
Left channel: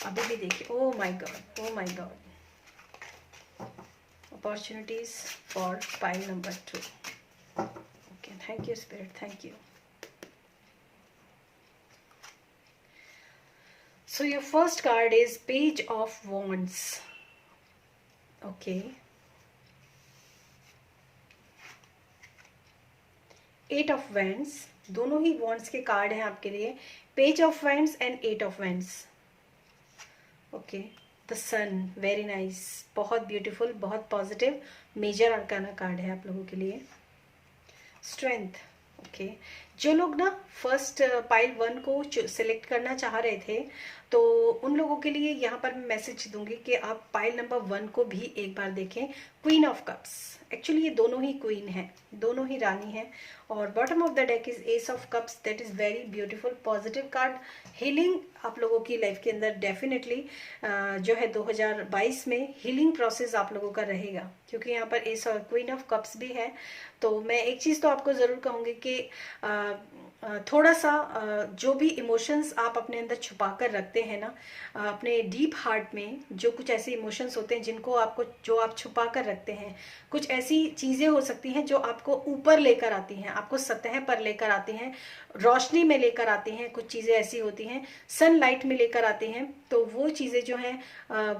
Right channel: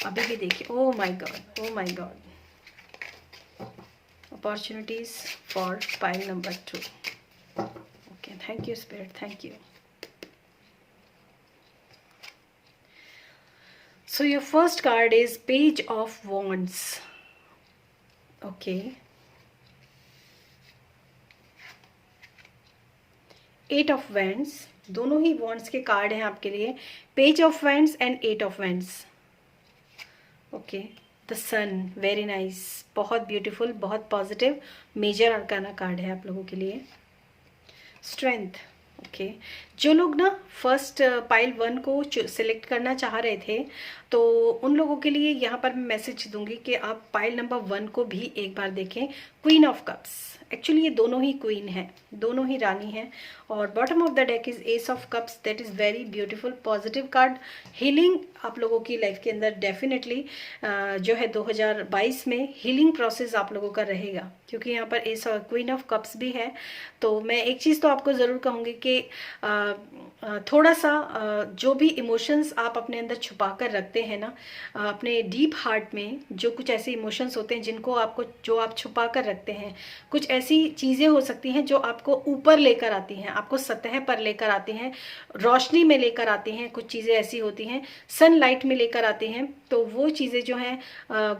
अभी भी देखिए, oh my God, oh my God, opportunities for pile number 2। Okay, thank you spirit, thank you. So your first card is Page of Wands. Okay. 8 of Wands, दोनों ही Wands के card हैं आपके लिए, Page of Wands and 8 of Wands. Okay. The Sun, very nice, बहुत beautiful, बहुत positive, major arcana card है आप लोगों के लिए। Strength, okay. जो लोग ना फर्स्ट पाइल 1 को सिलेक्ट करना चाह रहे थे तो उन लोगों के लिए यहाँ पर मैं मैसेज दूंगी कि आप पाइल नंबर 1 को भी एक बार देखें। क्वीन ऑफ कप्स, एक्चुअली ये दोनों ही क्वीन है, दोनों ही रानी है। और bottom of the deck is S of cups, that is very beautiful, positive card. Healing आप लोगों की लाइफ के अंदर डेफिनेटली जो है 2022 में हीलिंग प्रोसेस आप लोगों का रहेगा, क्योंकि यहाँ पर एस और क्वीन ऑफ कप्स भी है। तो मैं एक चीज़ तो आपको ज़रूर कहूँगी कि थोड़ा सा जो भी इमोशंस आप अपने अंदर छुपा कर रखते हैं ना, अपने डीप हार्ट में जो कुछ ऐसे इमोशंस होते हैं जिनको आपको, जो आप छुपा कर रखते हैं, कुछ ऐसी चीज़ें हो सकती हैं जो आपको ऊपर लेकर आती हैं, आपको सतह पर लेकर आती हैं, रोशनी में लेकर आती हैं। कुछ चीज़ें ऐसी होती हैं सनलाइट में लेकर आती हैं। तो वो चीज़ें जो हैं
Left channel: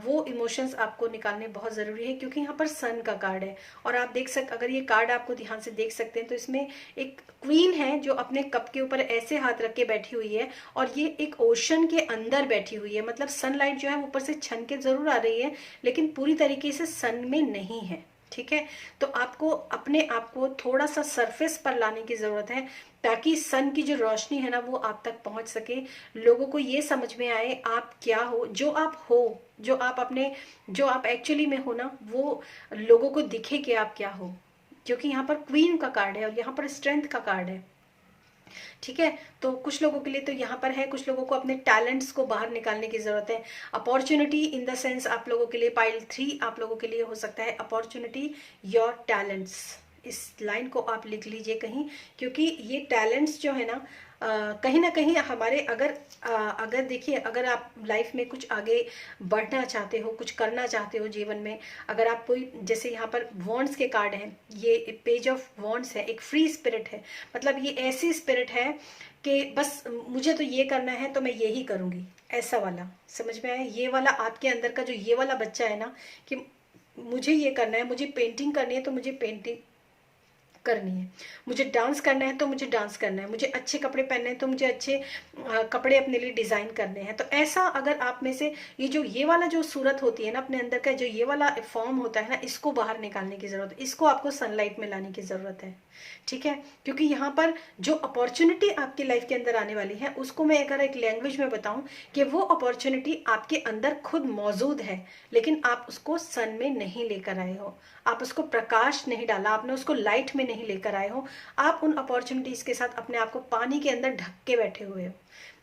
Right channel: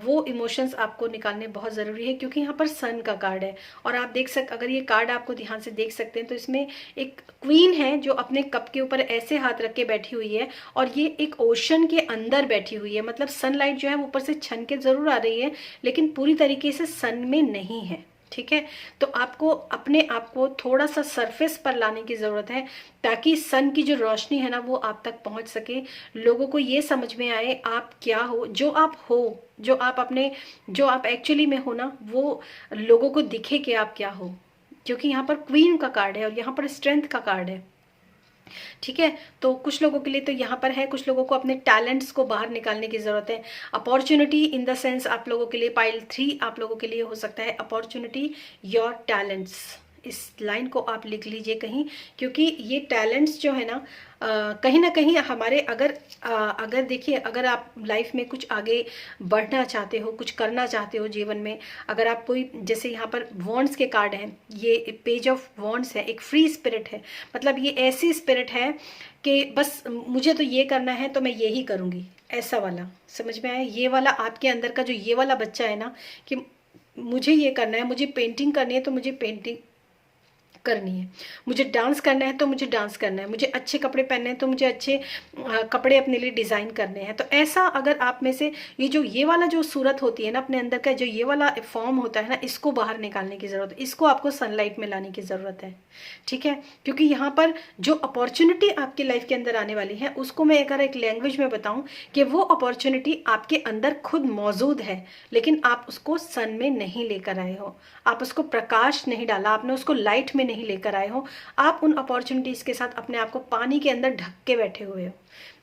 वो इमोशंस आपको निकालने बहुत ज़रूरी है, क्योंकि यहाँ पर सन का कार्ड है। और आप अगर ये कार्ड आपको ध्यान से देख सकते हैं तो इसमें एक क्वीन है जो अपने कप के ऊपर ऐसे हाथ रख के बैठी हुई है, और ये एक ओशन के अंदर बैठी हुई है। मतलब सनलाइट जो है ऊपर से छन के जरूर आ रही है, लेकिन पूरी तरीके से सन में नहीं है। ठीक है, तो आपको अपने आप को थोड़ा सा सरफेस पर लाने की जरूरत है, ताकि सन की जो रोशनी है ना वो आप तक पहुंच सके, लोगों को ये समझ में आए आप क्या हो, जो आप हो, जो आप एक्चुअली में हो ना, वो लोगों को दिखे कि आप क्या हो। क्योंकि यहाँ पर क्वीन का कार्ड है और यहाँ पर स्ट्रेंथ का कार्ड है। ठीक है, तो कुछ लोगों के लिए तो यहाँ पर है, कुछ लोगों को अपने टैलेंट्स को बाहर निकालने की जरूरत है। अपॉर्चुनिटी इन द सेंस आप लोगों के लिए पाइल 3 आप लोगों के लिए हो सकता है अपॉर्चुनिटी योर टैलेंट्स। इस लाइन को आप लिख लीजिए कहीं, क्योंकि ये टैलेंट्स जो है ना कहीं ना कहीं हमारे, अगर देखिए, अगर आप लाइफ में कुछ आगे बढ़ना चाहते हो, कुछ करना चाहते हो जीवन में, अगर आप कोई, जैसे यहाँ पर वॉन्ड्स के कार्ड हैं, ये पेज ऑफ वॉन्ड्स है, एक फ्री स्पिरिट है। मतलब ये ऐसी स्पिरिट है कि बस मुझे तो ये करना है तो मैं ये ही करूँगी, ऐसा वाला, समझ में आया? ये वाला आपके अंदर का जो ये वाला बच्चा है ना, कि मुझे ये करना है, मुझे पेंटिंग करनी है तो मुझे पेंटिंग करनी है, मुझे डांस करना है तो मुझे डांस करना है, मुझे अच्छे कपड़े पहनने हैं तो मुझे अच्छे कपड़े अपने लिए डिज़ाइन करने हैं। तो ऐसा अगर आप में से ये वाला जो सूरत होती है ना अपने अंदर का, जो ये वाला फॉर्म होता है ना, इसको बाहर निकालने की ज़रूरत है, इसको आपको सनलाइट में लाने की ज़रूरत है। ठीक है, क्योंकि यहाँ पर जो अपॉर्चुनिटी आपकी लाइफ के अंदर आने वाली है, उसको मैं अगर एक लैंग्वेज में बताऊं कि वो अपॉर्चुनिटी आपके अंदर खुद मौजूद है, लेकिन आप उसको सन में नहीं लेकर आए हो, आप उसको प्रकाश नहीं डाला, आपने उसको लाइट में नहीं लेकर आए हो। आप उन अपॉर्चुनिटीज के साथ अपने आप को पानी के अंदर ढक के बैठे हुए हो,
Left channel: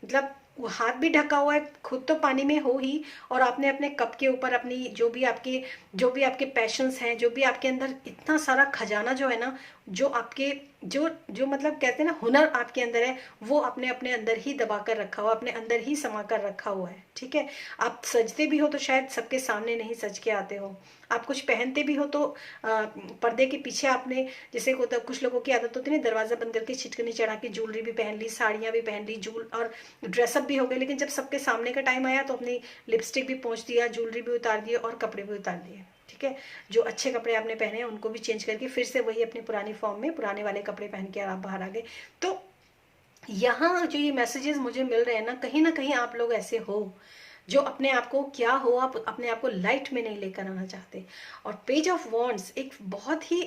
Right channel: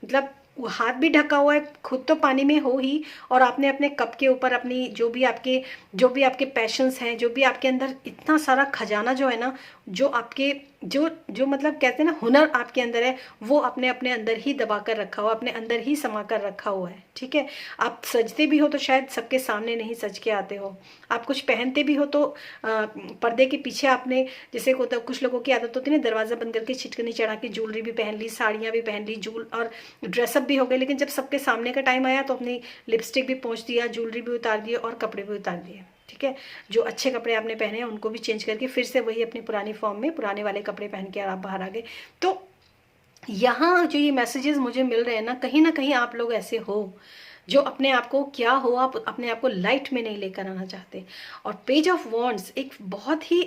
मतलब वो हाथ भी ढका हुआ है, खुद तो पानी में हो ही, और आपने अपने कप के ऊपर अपनी जो भी आपके पैशंस हैं, जो भी आपके अंदर इतना सारा खजाना जो है ना, जो आपके जो मतलब कहते हैं ना हुनर आपके अंदर है, वो अपने अपने अंदर ही दबा कर रखा हुआ, अपने अंदर ही समा कर रखा हुआ है। ठीक है, आप सजते भी हो तो शायद सबके सामने नहीं सज के आते हो, आप कुछ पहनते भी हो तो पर्दे के पीछे आपने, जैसे कुछ लोगों की आदत होती है ना, दरवाजा बंद करके छिटकनी चढ़ा के ज्वेलरी भी पहन ली, साड़ियाँ भी पहन ली, और ड्रेसअप भी हो गए, लेकिन जब सबके सामने का टाइम आया तो अपनी लिपस्टिक भी पोंछ दिया, ज्वेलरी भी उतार दिए और कपड़े भी उतार दिए। ठीक है, जो अच्छे कपड़े आपने पहने हैं उनको भी चेंज करके फिर से वही अपनी पुरानी फॉर्म में पुराने वाले कपड़े पहन के आप बाहर आ गए। तो यहाँ जो ये मैसेजेस मुझे मिल रहे हैं ना कहीं आप लोग ऐसे हो जो अपने आप को क्या हो, आप अपने आप को लाइट में नहीं लेकर आना चाहते। और पेज ऑफ वॉन्ड्स एक बहुत ही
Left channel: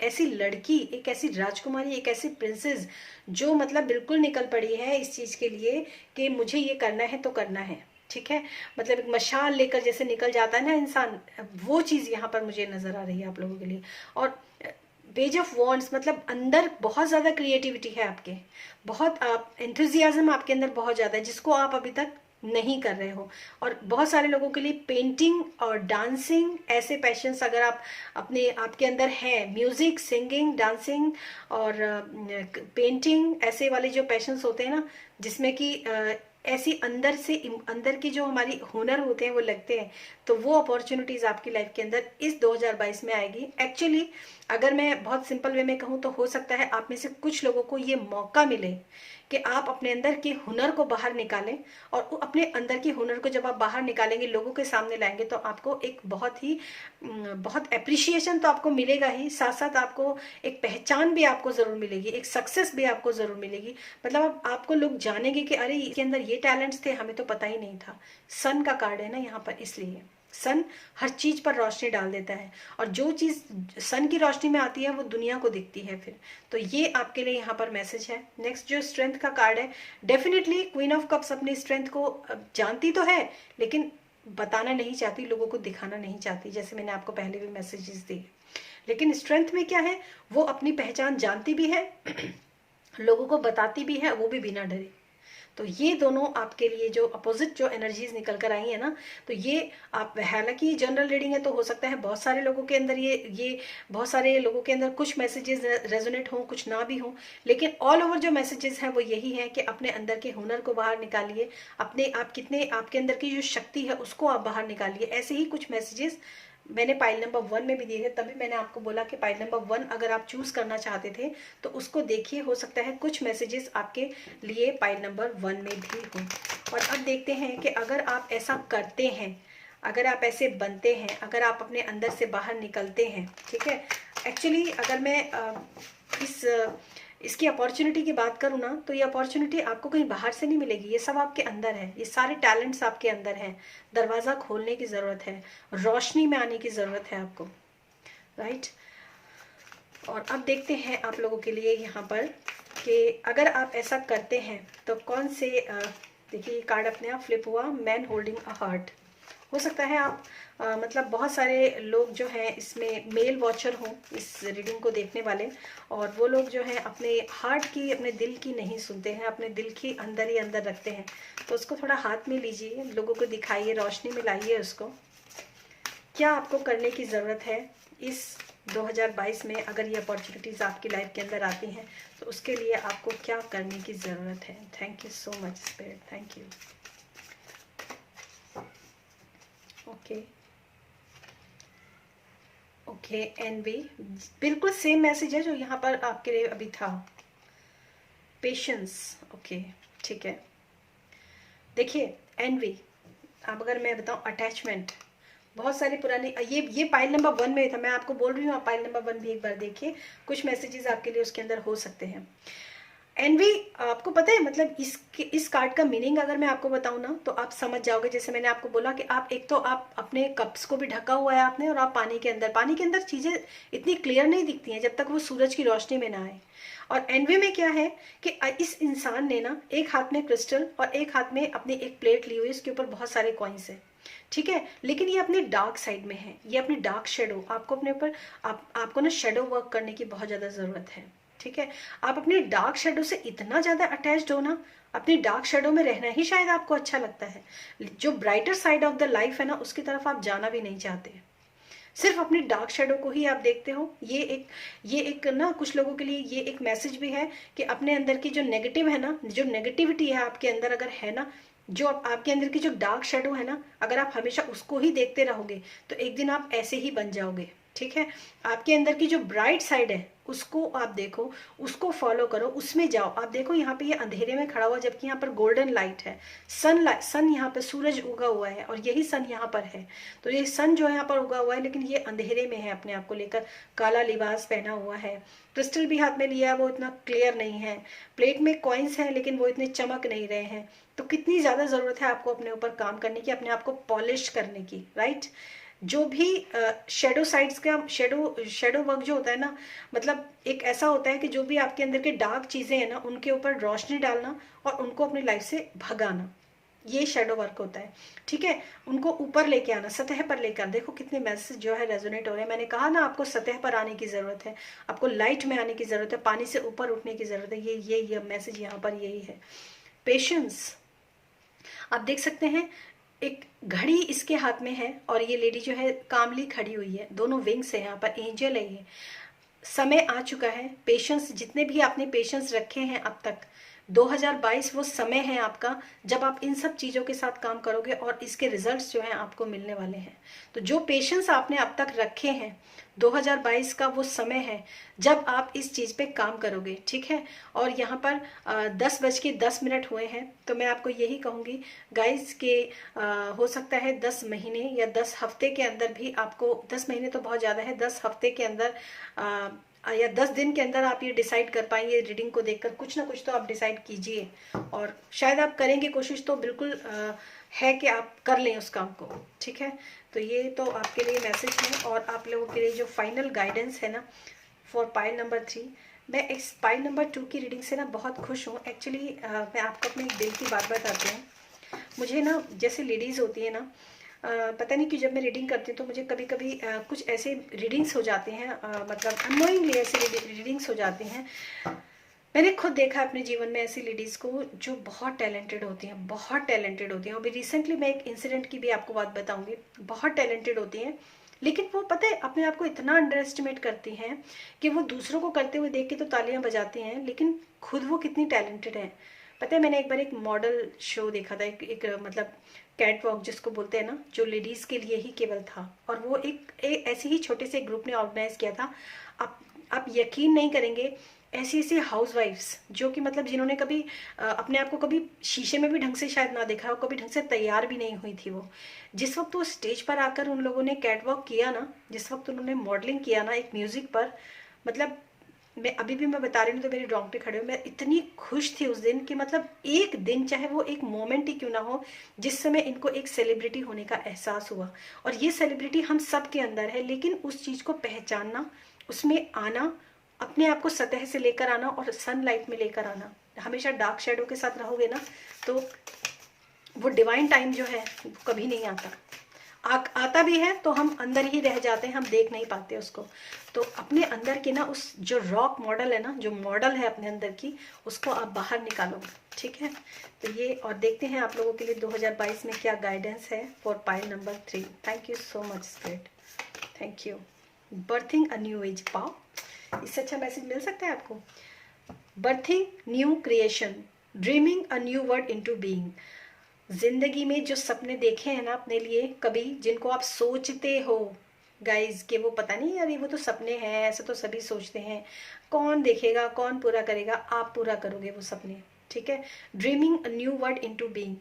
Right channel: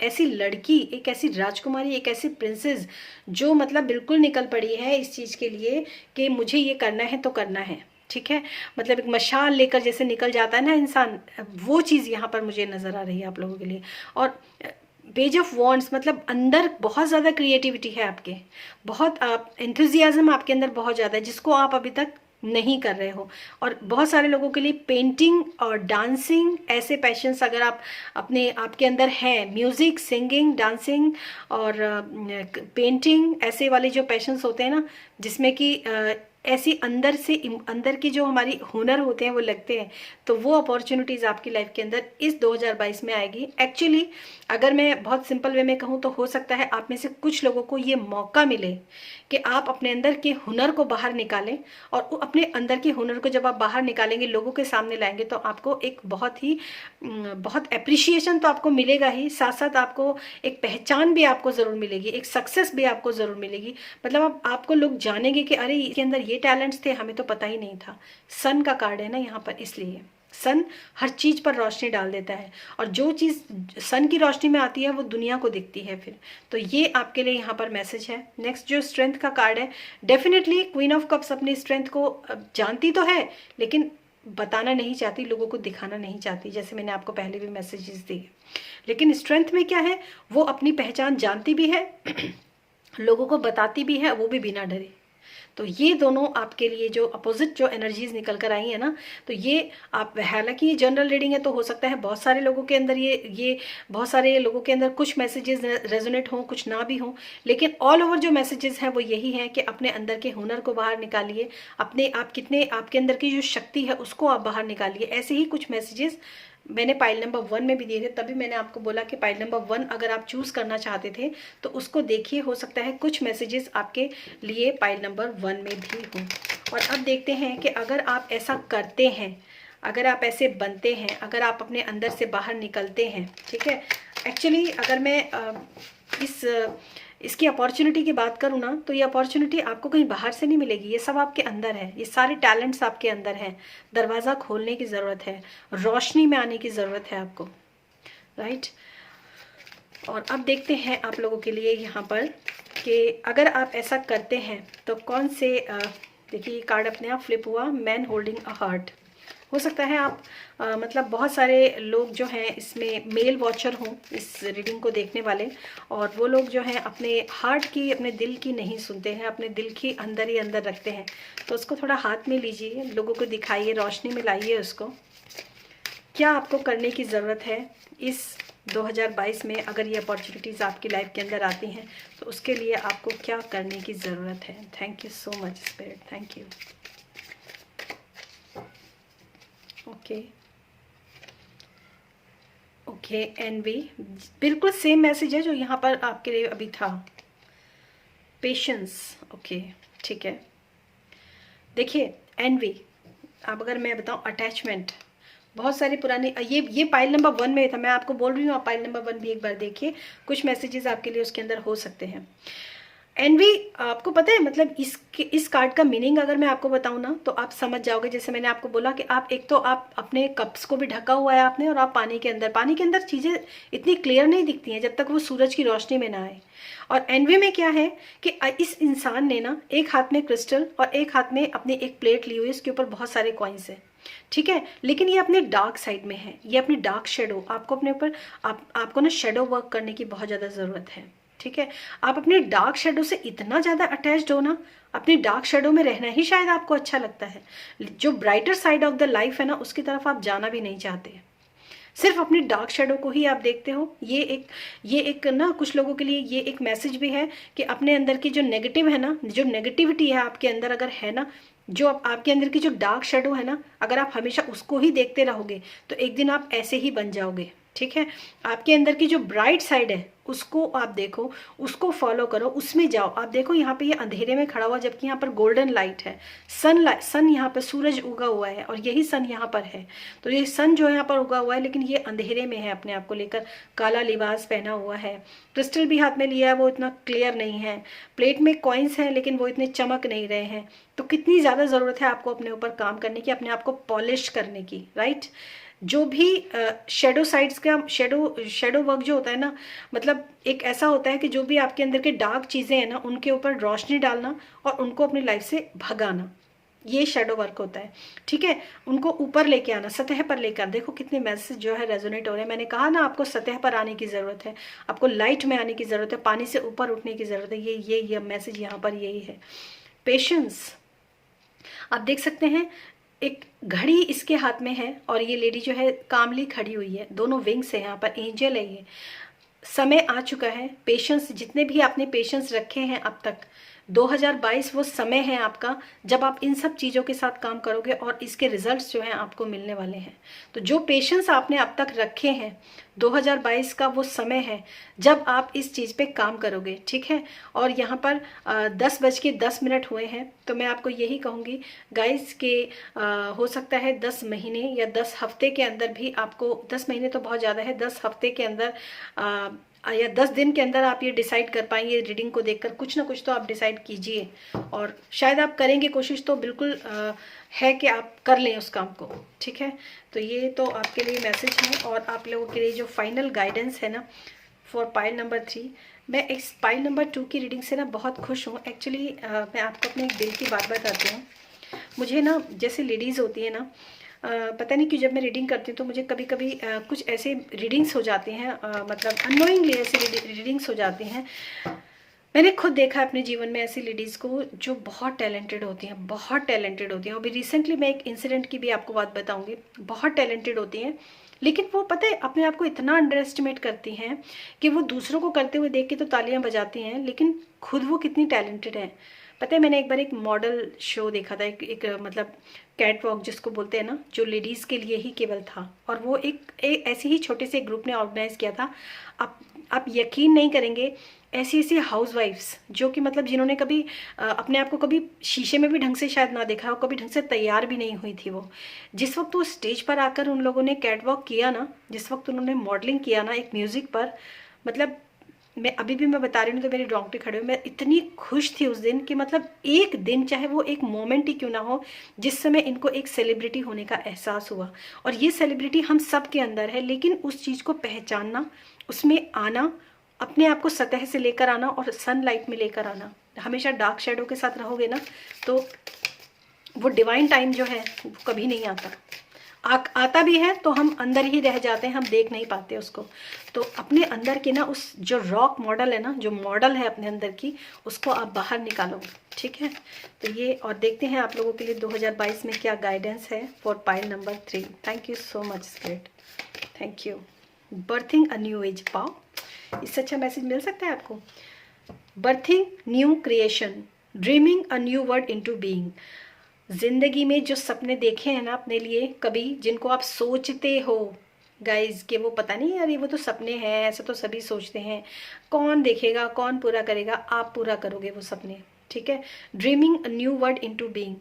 ऐसी लड़की, एक ऐसी राजकुमारी, एक ऐसी प्रिंसेस जो मतलब बिल्कुल निकल पड़ी है इस चीज़ के लिए कि मुझे ये करना है तो करना है। ठीक है, मतलब एक मशाल लेकर जैसे निकल जाता है ना इंसान, वो चीज़ यहाँ पर मुझे नज़र आ रही है आप लोगों के लिए। और पेज ऑफ वॉन्ड्स मतलब अंदर बहुत ज़्यादा क्रिएटिविटी है आपके, बहुत आप एंथुजियाज्म आपके अंदर बहुत ज़्यादा है, जिसको आप अभी तक नहीं कर रहे हो। और बहुत सारे लोगों के लिए पेंटिंग और डांसिंग ऐसे पैशंस अगर आप अपने आपके अंदर हैं, म्यूजिक, सिंगिंग, डांसिंग और पेंटिंग, ऐसे वाले जो पैशंस होते हैं ना, जिसमें कि ऐसी अंदर की जो हमारी हुनर होते हैं वो लगते हैं, तो वो अपॉर्चुनिटीज आपकी लाइफ के अंदर इस 2022 में आएगी। एक्चुअली अगर मैं बहुत सिंपल वे में कहूँ तो हो सकता है आप में से कुछ लोगों को ये मौका मिले कि आप अपने अंदर के हुनर को बाहर निकालें, और अपने अंदर के हुनर को जब आप बाहर निकालेंगे, लोगों के सामने लाएंगे, तो आपको एक बहुत एप्रिशिएशन तो आपको मिलेगा ही, साथ साथ आपको एक पहचान भी आपको ज़रूर मिलेगी, एक सक्सेस भी आपको ज़रूर मिलेगी। मतलब अब आपको लोग जानेंगे कि अरे इसके अंदर ये टैलेंट्स थे, हमें तो पता ही नहीं था। सन का कार्ड है ना यहाँ पर, इसलिए सन हर चीज पर रोशनी डाल देता है, और जो चीज सन की रोशनी में आती है वो दुनिया को दिखती है फिर। तो ये आपके लिए यहाँ पर मैसेज है। नेक्स्ट जो स्ट्रेंथ का कार्ड है, डेफिनेटली क्वीन ऑफ कप्स अपनी स्ट्रेंथ को जानती तो है, लेकिन बताना नहीं चाहती, लोगों को दिखाना नहीं चाहती, जैसे मैंने आपको पहले भी मैसेजेस दिए। लेकिन स्ट्रेंथ में क्या है, वो अपनी पहचान जानती भी है लोगों को बताती भी है, वो भी बिना डरे। तो ये दोनों आपके लिए जो अपोजिट जो एनर्जीज निकल कर आई है ना, तो ये आप, हालांकि ये जनरल रीडिंग है तो हो सकता है बहुत सारे लोगों के अंदर ये बहुत सारे लोगों के अंदर कुछ मैसेजेस रेजोनेट हों, कुछ ना भी हों, लेकिन ऑल ओवर जो मैसेजेस हैं वो यही है कि अपने अंदर के हुनर को बाहर निकालिए, अपने आप कितने आपके अंदर की जो शक्ति है उसको आप बाहर निकालिए। ऐसे ही कुछ मैसेजेस मैंने पाइल नंबर 1 में भी दिए थे, तभी मैंने आपको बोला कि पाइल नंबर 1 अगर आप चूज करना चाहते थे तो उसको देखिए, हो सकता है कुछ मैसेजेस आपके लिए पाइल नंबर 1 में भी हो। और अब देखते हैं कि अगर आप ऐसा करते हैं, अगर आप ऐसे बनते हैं, अगर आप अपने अंदर से बाहर निकलते हैं। ठीक है, एक्चुअली अगर मैं इसकी अपॉर्चुनिटी की बात करूँ ना, तो ये अपॉर्चुनिटी आपको कहीं बाहर से नहीं मिलेगी, ये सब आपके अंदर है, ये सारे टैलेंट्स आपके अंदर हैं। दरवाज़ा खोलने की ज़रूरत है, रोशनी में आने की ज़रूरत है आपको, राइट। और अब देखते हैं आप लोगों के लिए यहाँ पर कि अगर आप ऐसा करते हैं तो कौन से देखिए कार्ड अपने आप फ्लिप हुआ, मैन होल्डिंग अ हार्ट। हो सकता है आप मतलब बहुत सारे लोग जो हैं इसमें मेल वॉचर हों, इस रीडिंग को देखने वाले, और वो लोग जो हैं अपने हार्ट की, अपने दिल की नहीं सुनते हैं, अपने दिल की अंदर ही अंदर रखते हैं। तो उसको थोड़ा हाथ में लीजिए, लोगों को दिखाइए, रोशनी में लाइए उसको। क्या आपको करने की ज़रूरत है इस 2022 में, अगर ये अपॉर्चुनिटीज़ आपकी लाइफ के अंदर आती हैं तो उसके लिए आपको क्या करने की ज़रूरत है। Thank you so much spirit, thank you. Okay anyway, बिल्कुल सेम मैसेज है जो यहाँ पर आपके लिए अभी था। पेशेंस, ओके ठीक है। देखिए एनवी, अब अगर मैं बताऊँ अटैचमेंट, बहुत सारे पुराने, ये पाइल नंबर 1 में था, मैं आपको बोल रही हूँ आप पाइल नंबर 1 भी एक बार देखिए, कुछ मैसेजेस आपके लिए उसके अंदर हो सकते हैं। एनवी, आपको पता है मतलब इस कार्ड का मीनिंग अगर मैं आपको बताऊं ना तो आप समझ जाओगे। जैसे मैंने आपको बोला कि आप एक तो आप अपने कप्स को भी ढका हुआ है आपने, और आप पानी के अंदर चीजें इतनी क्लियर नहीं दिखती हैं जब तक वो सूरज की रोशनी में ना आए। और एनवी में क्या है कि इस इंसान ने ना एक हाथ में क्रिस्टल और एक हाथ में अपनी एक प्लेट ली हुई है, इसके ऊपर बहुत सारे कॉइन्स है, ठीक है, लेकिन ये अपने डार्क साइड में है, ये अपनी डार्क शेडो, आपको अपने ऊपर आपको ना शेडो वर्क करने की बहुत ज्यादा जरूरत है, ठीक है। आप अपने डार्क शेडो से इतना ज्यादा अटैच्ड हो ना, अपनी डार्क शेडो में रहना ही शायद आपको अच्छा लगता है, जो brighter side of the life है ना उसकी तरफ आप जाना भी नहीं चाहते, सिर्फ अपनी डार्क शेडो को ही आप देखते हो। ये एक ना कुछ लोगों के लिए ये एक मैसेज भी है कि अपने अंदर की जो नेगेटिव है ना, जो नेगेटिविटी है आपके अंदर अगर है ना, जो आपके अंदर की जो डार्क शेडो है ना, अगर आप हमेशा उसको ही देखते रहोगे तो एक दिन आप ऐसे ही बन जाओगे, ठीक है। आपके अंदर की जो ब्राइट साइड है उसको आप देखो, उसको फॉलो करो, उसमें जाओ। आप देखो यहाँ पे ये अंधेरे में खड़ा हुआ, जबकि यहाँ पर गोल्डन लाइट है, सन यहाँ पर सूरज उगा हुआ है और यही सन यहाँ पर है। तो ये सन जो यहाँ पर उगा हुआ है लेकिन ये अंधेरे में है, अपने आप को लेकर काला लिबास पहना हुआ है, क्रिस्टल भी हाथ में लिया है, वो इतना क्लियर नहीं है, प्लेट में कॉइन्स हैं लेकिन वो इतने चमक नहीं रहे हैं। तो कितनी ज्यादा जरूरत है आपको अपने ऊपर काम करने की, अपने आप को पॉलिश करने की, राइट। जो भी शेडो साइड्स का शेडो वर्क जो होता है ना, मतलब एक ऐसा होता है कि जो भी आपके अंदर के डार्क चीजें हैं ना उनके ऊपर रोशनी डालना और उनको अपनी लाइफ से भगाना, ये शेडो वर्क होता है, ठीक है। उनको ऊपर लेके आना, सतह पर लेकर, देखो कितने मैसेज जो है रेजोनेट हो रहे हैं। मैंने कहा ना आपको सतह पर आने की जरूरत है, आपको लाइट में आने की जरूरत है, पानी से ऊपर उठने की जरूरत है। ये मैसेज यहाँ पर यही है। पेशेंस, आप देख सकते हैं एक घड़ी इसके हाथ में है और ये लेडी जो है कामली खड़ी हुई है, दोनों विंग्स है, यहाँ पर एंजल है। ये समय आ चुका है, पेशेंस, जितने भी आपने पेशेंस रखे हैं अब तक, 2022 वो समय है आपका जब आप इन सब चीज़ों के साथ काम करोगे और इसके रिजल्ट्स जो हैं आपको मिलने वाले हैं। तो जो पेशेंस आपने अब तक रखे हैं, 2022 का वो समय है जब आप इस चीज़ पे काम करोगे, ठीक है। और यहाँ पर 10:10 हुए हैं, तो मैं आपको यही कहूँगी गाइस के हो सकता है 10 महीने या 10 हफ्ते के अंदर भी आपको, 10 महीने तो बहुत ज़्यादा है, 10 हफ्ते के अंदर या 10 दिन के अंदर आप ये डिसाइड कर पाएंगे। रीडिंग को देखकर कुछ ना कुछ तो आप डिसाइड कीजिए, और शायद आप करेंगे कोशिश, तो बिल्कुल है कि आप कर लें उस काम को, ठीक है। तो ये तो आपके लिए मैसेज है, और आप लोगों के लिए जो फाइनल गाइडेंस है ना फॉर पाइल नंबर 3, मैं इस पाइल नंबर 2 की रीडिंग से ना बहुत खुश हूँ एक्चुअली। मैं आपको अपने दिल की बात बताती हूँ। मुझे ना जैसे लेडीज़ होती है ना, पता नहीं क्यों जब मैं रीडिंग करती हूँ तो मुझे कभी कभी कुछ ऐसे रीडिंग्स हो जाती हैं, मतलब अननोइंगली ऐसे रीडिंग्स हो जाती हैं। मैंने खुद देखा है अपने जीवन में ऐसी लेडीज़ को जो बहुत टैलेंटेड होती हैं, बहुत टैलेंटेड होती हैं। अभी रिसेंटली मैं एक इंसिडेंट की भी आपको बात बताऊंगी, बहुत टैलेंटेड होती हैं, लेकिन वो पता है अपने आप को इतना अंडर एस्टिमेट करती हैं कि वो दूसरों को करते हुए देख के तो तालियां बजाती हैं, लेकिन खुद वो कितनी टैलेंटेड है। पता है मैंने एक बार एक मॉडल शो देखा था, एक मतलब कैट वॉक जिसको बोलते हैं ना, जो लेडीज के लिए ही केवल था, और वो एक ऐसे ही छोटे से ग्रुप ने ऑर्गेनाइज किया था। आप यकीन नहीं करेंगे, ऐसी ऐसी हाउस वाइफ्स जो कि मतलब जिन्होंने कभी अपने आप को कभी शीशे में भी ढंग से शायद ना देखा हो, कभी ढंग से तैयार भी नहीं हुई थी वो, जिस वक्त वो स्टेज पर आकर उन लोगों ने कैट वॉक किया ना, जिस वक्त उन्होंने मॉडलिंग किया ना एक म्यूजिक पर, मतलब मैं बता रही हूँ तो मेरे रोंगटे खड़े हो। मैं इतनी खुश थी उस दिन कि मतलब एक दिन, चाहे वो एक मोमेंट ही क्यों ना हो, जिस समय इनको एक सेलिब्रिटी होने का एहसास हुआ। और ये सेलिब्रिटी हम सब के अंदर है, लेकिन उस चीज़ को पहचानना, उसमें आना, अपने आप को सतह से लेकर आना और सनलाइट में लेकर आना। हमेशा डार्क शेडो के साथ रहोगे ना तो वो डिवाइन टाइम जो है वो कभी नहीं आता। आता भी है तो हम अंदर ही रह जाते हैं, हम देख नहीं पाते उसको। तो अपने अंदर के ना उस जो रॉक मॉडल है ना, जो मॉडल है अपने अंदर की, उसको आप बाहर निकालो, ठीक है। तो ये, और देखते हैं आप लोगों के लिए 2022 में क्या गाइडेंस है for pile number 3। Thank you so much spirit, thank you. Berthing a new age, पाओ, इससे अच्छा मैसेज मिल सकता है आपको। Berthing new creation, dreaming a new word into being. जिंदगी में जो सपने देखे हैं ना अपने लिए कभी, जिनको आप सोचते हो गाइज कि वो पता नहीं यार ये वो तो सपने हैं, ऐसे तो सभी सोचते हैं, कौन देखेगा, कौन पूरा करेगा, आप पूरा करोगे वो सपने, ठीक है। Dreaming a new word into being,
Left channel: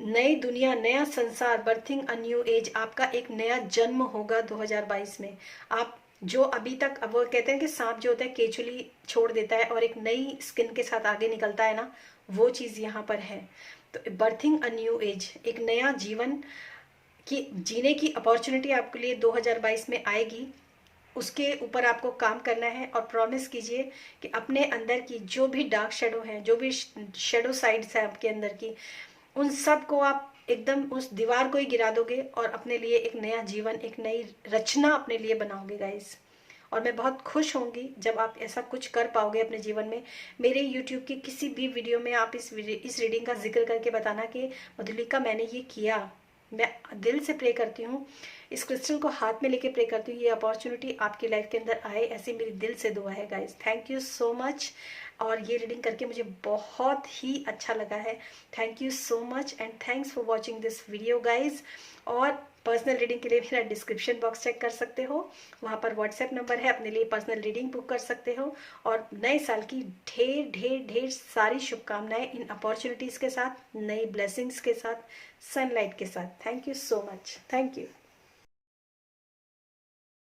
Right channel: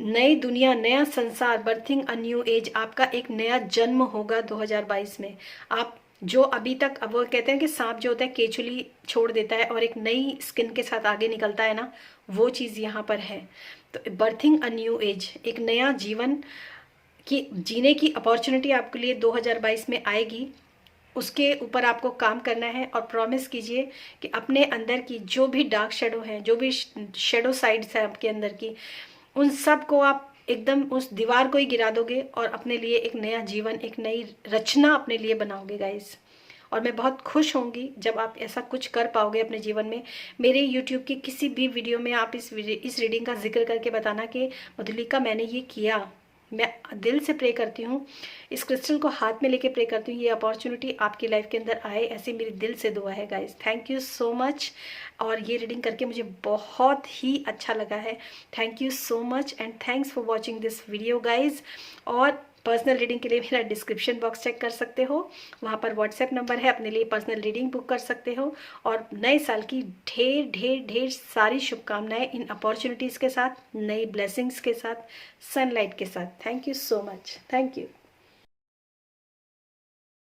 नई दुनिया, नया संसार, बर्थिंग अ न्यू एज, आपका एक नया जन्म होगा 2022 में। आप जो अभी तक, अब वो कहते हैं कि सांप जो होता है केचुली छोड़ देता है और एक नई स्किन के साथ आगे निकलता है ना, वो चीज़ यहाँ पर है। तो बर्थिंग अ न्यू एज, एक नया जीवन की जीने की अपॉर्चुनिटी आपके लिए 2022 में आएगी। उसके ऊपर आपको काम करना है और प्रॉमिस कीजिए कि अपने अंदर की जो भी डार्क शेडो हैं, जो भी शेडो साइड्स हैं आपके अंदर की, उन सब को आप एकदम उस दीवार को ही गिरा दोगे और अपने लिए एक नया जीवन, एक नई रचना अपने लिए बनाओगे गाइस। और मैं बहुत खुश होंगी जब आप ऐसा कुछ कर पाओगे अपने जीवन में। मेरे यूट्यूब की किसी भी वीडियो में आप इस रीडिंग का जिक्र करके बताना कि मधुलिका मैंने ये किया। मैं दिल से प्रे करती हूँ, इस क्रिस्टल को हाथ में लेके प्रे करती हूँ ये अपॉर्चुनिटी आपकी लाइफ के अंदर आए, ऐसी मेरी दिल से दुआ है guys. Thank you so much. और ये रीडिंग करके मुझे बहुत ही अच्छा लगा है। Thank you so much and thanks for watching this video guys. और पर्सनल रीडिंग के लिए मेरा डिस्क्रिप्शन बॉक्स चेक कर सकते हो, वहाँ पर व्हाट्सएप नंबर है, अपने लिए पर्सनल रीडिंग बुक कर सकते हो। और नए साल की ढेर ढेर ढेर सारी शुभकामनाएं इन अपॉर्चुनिटीज़ के साथ, नई ब्लेसिंग्स के साथ, सनलाइट के साथ। Thank you so much. Thank you.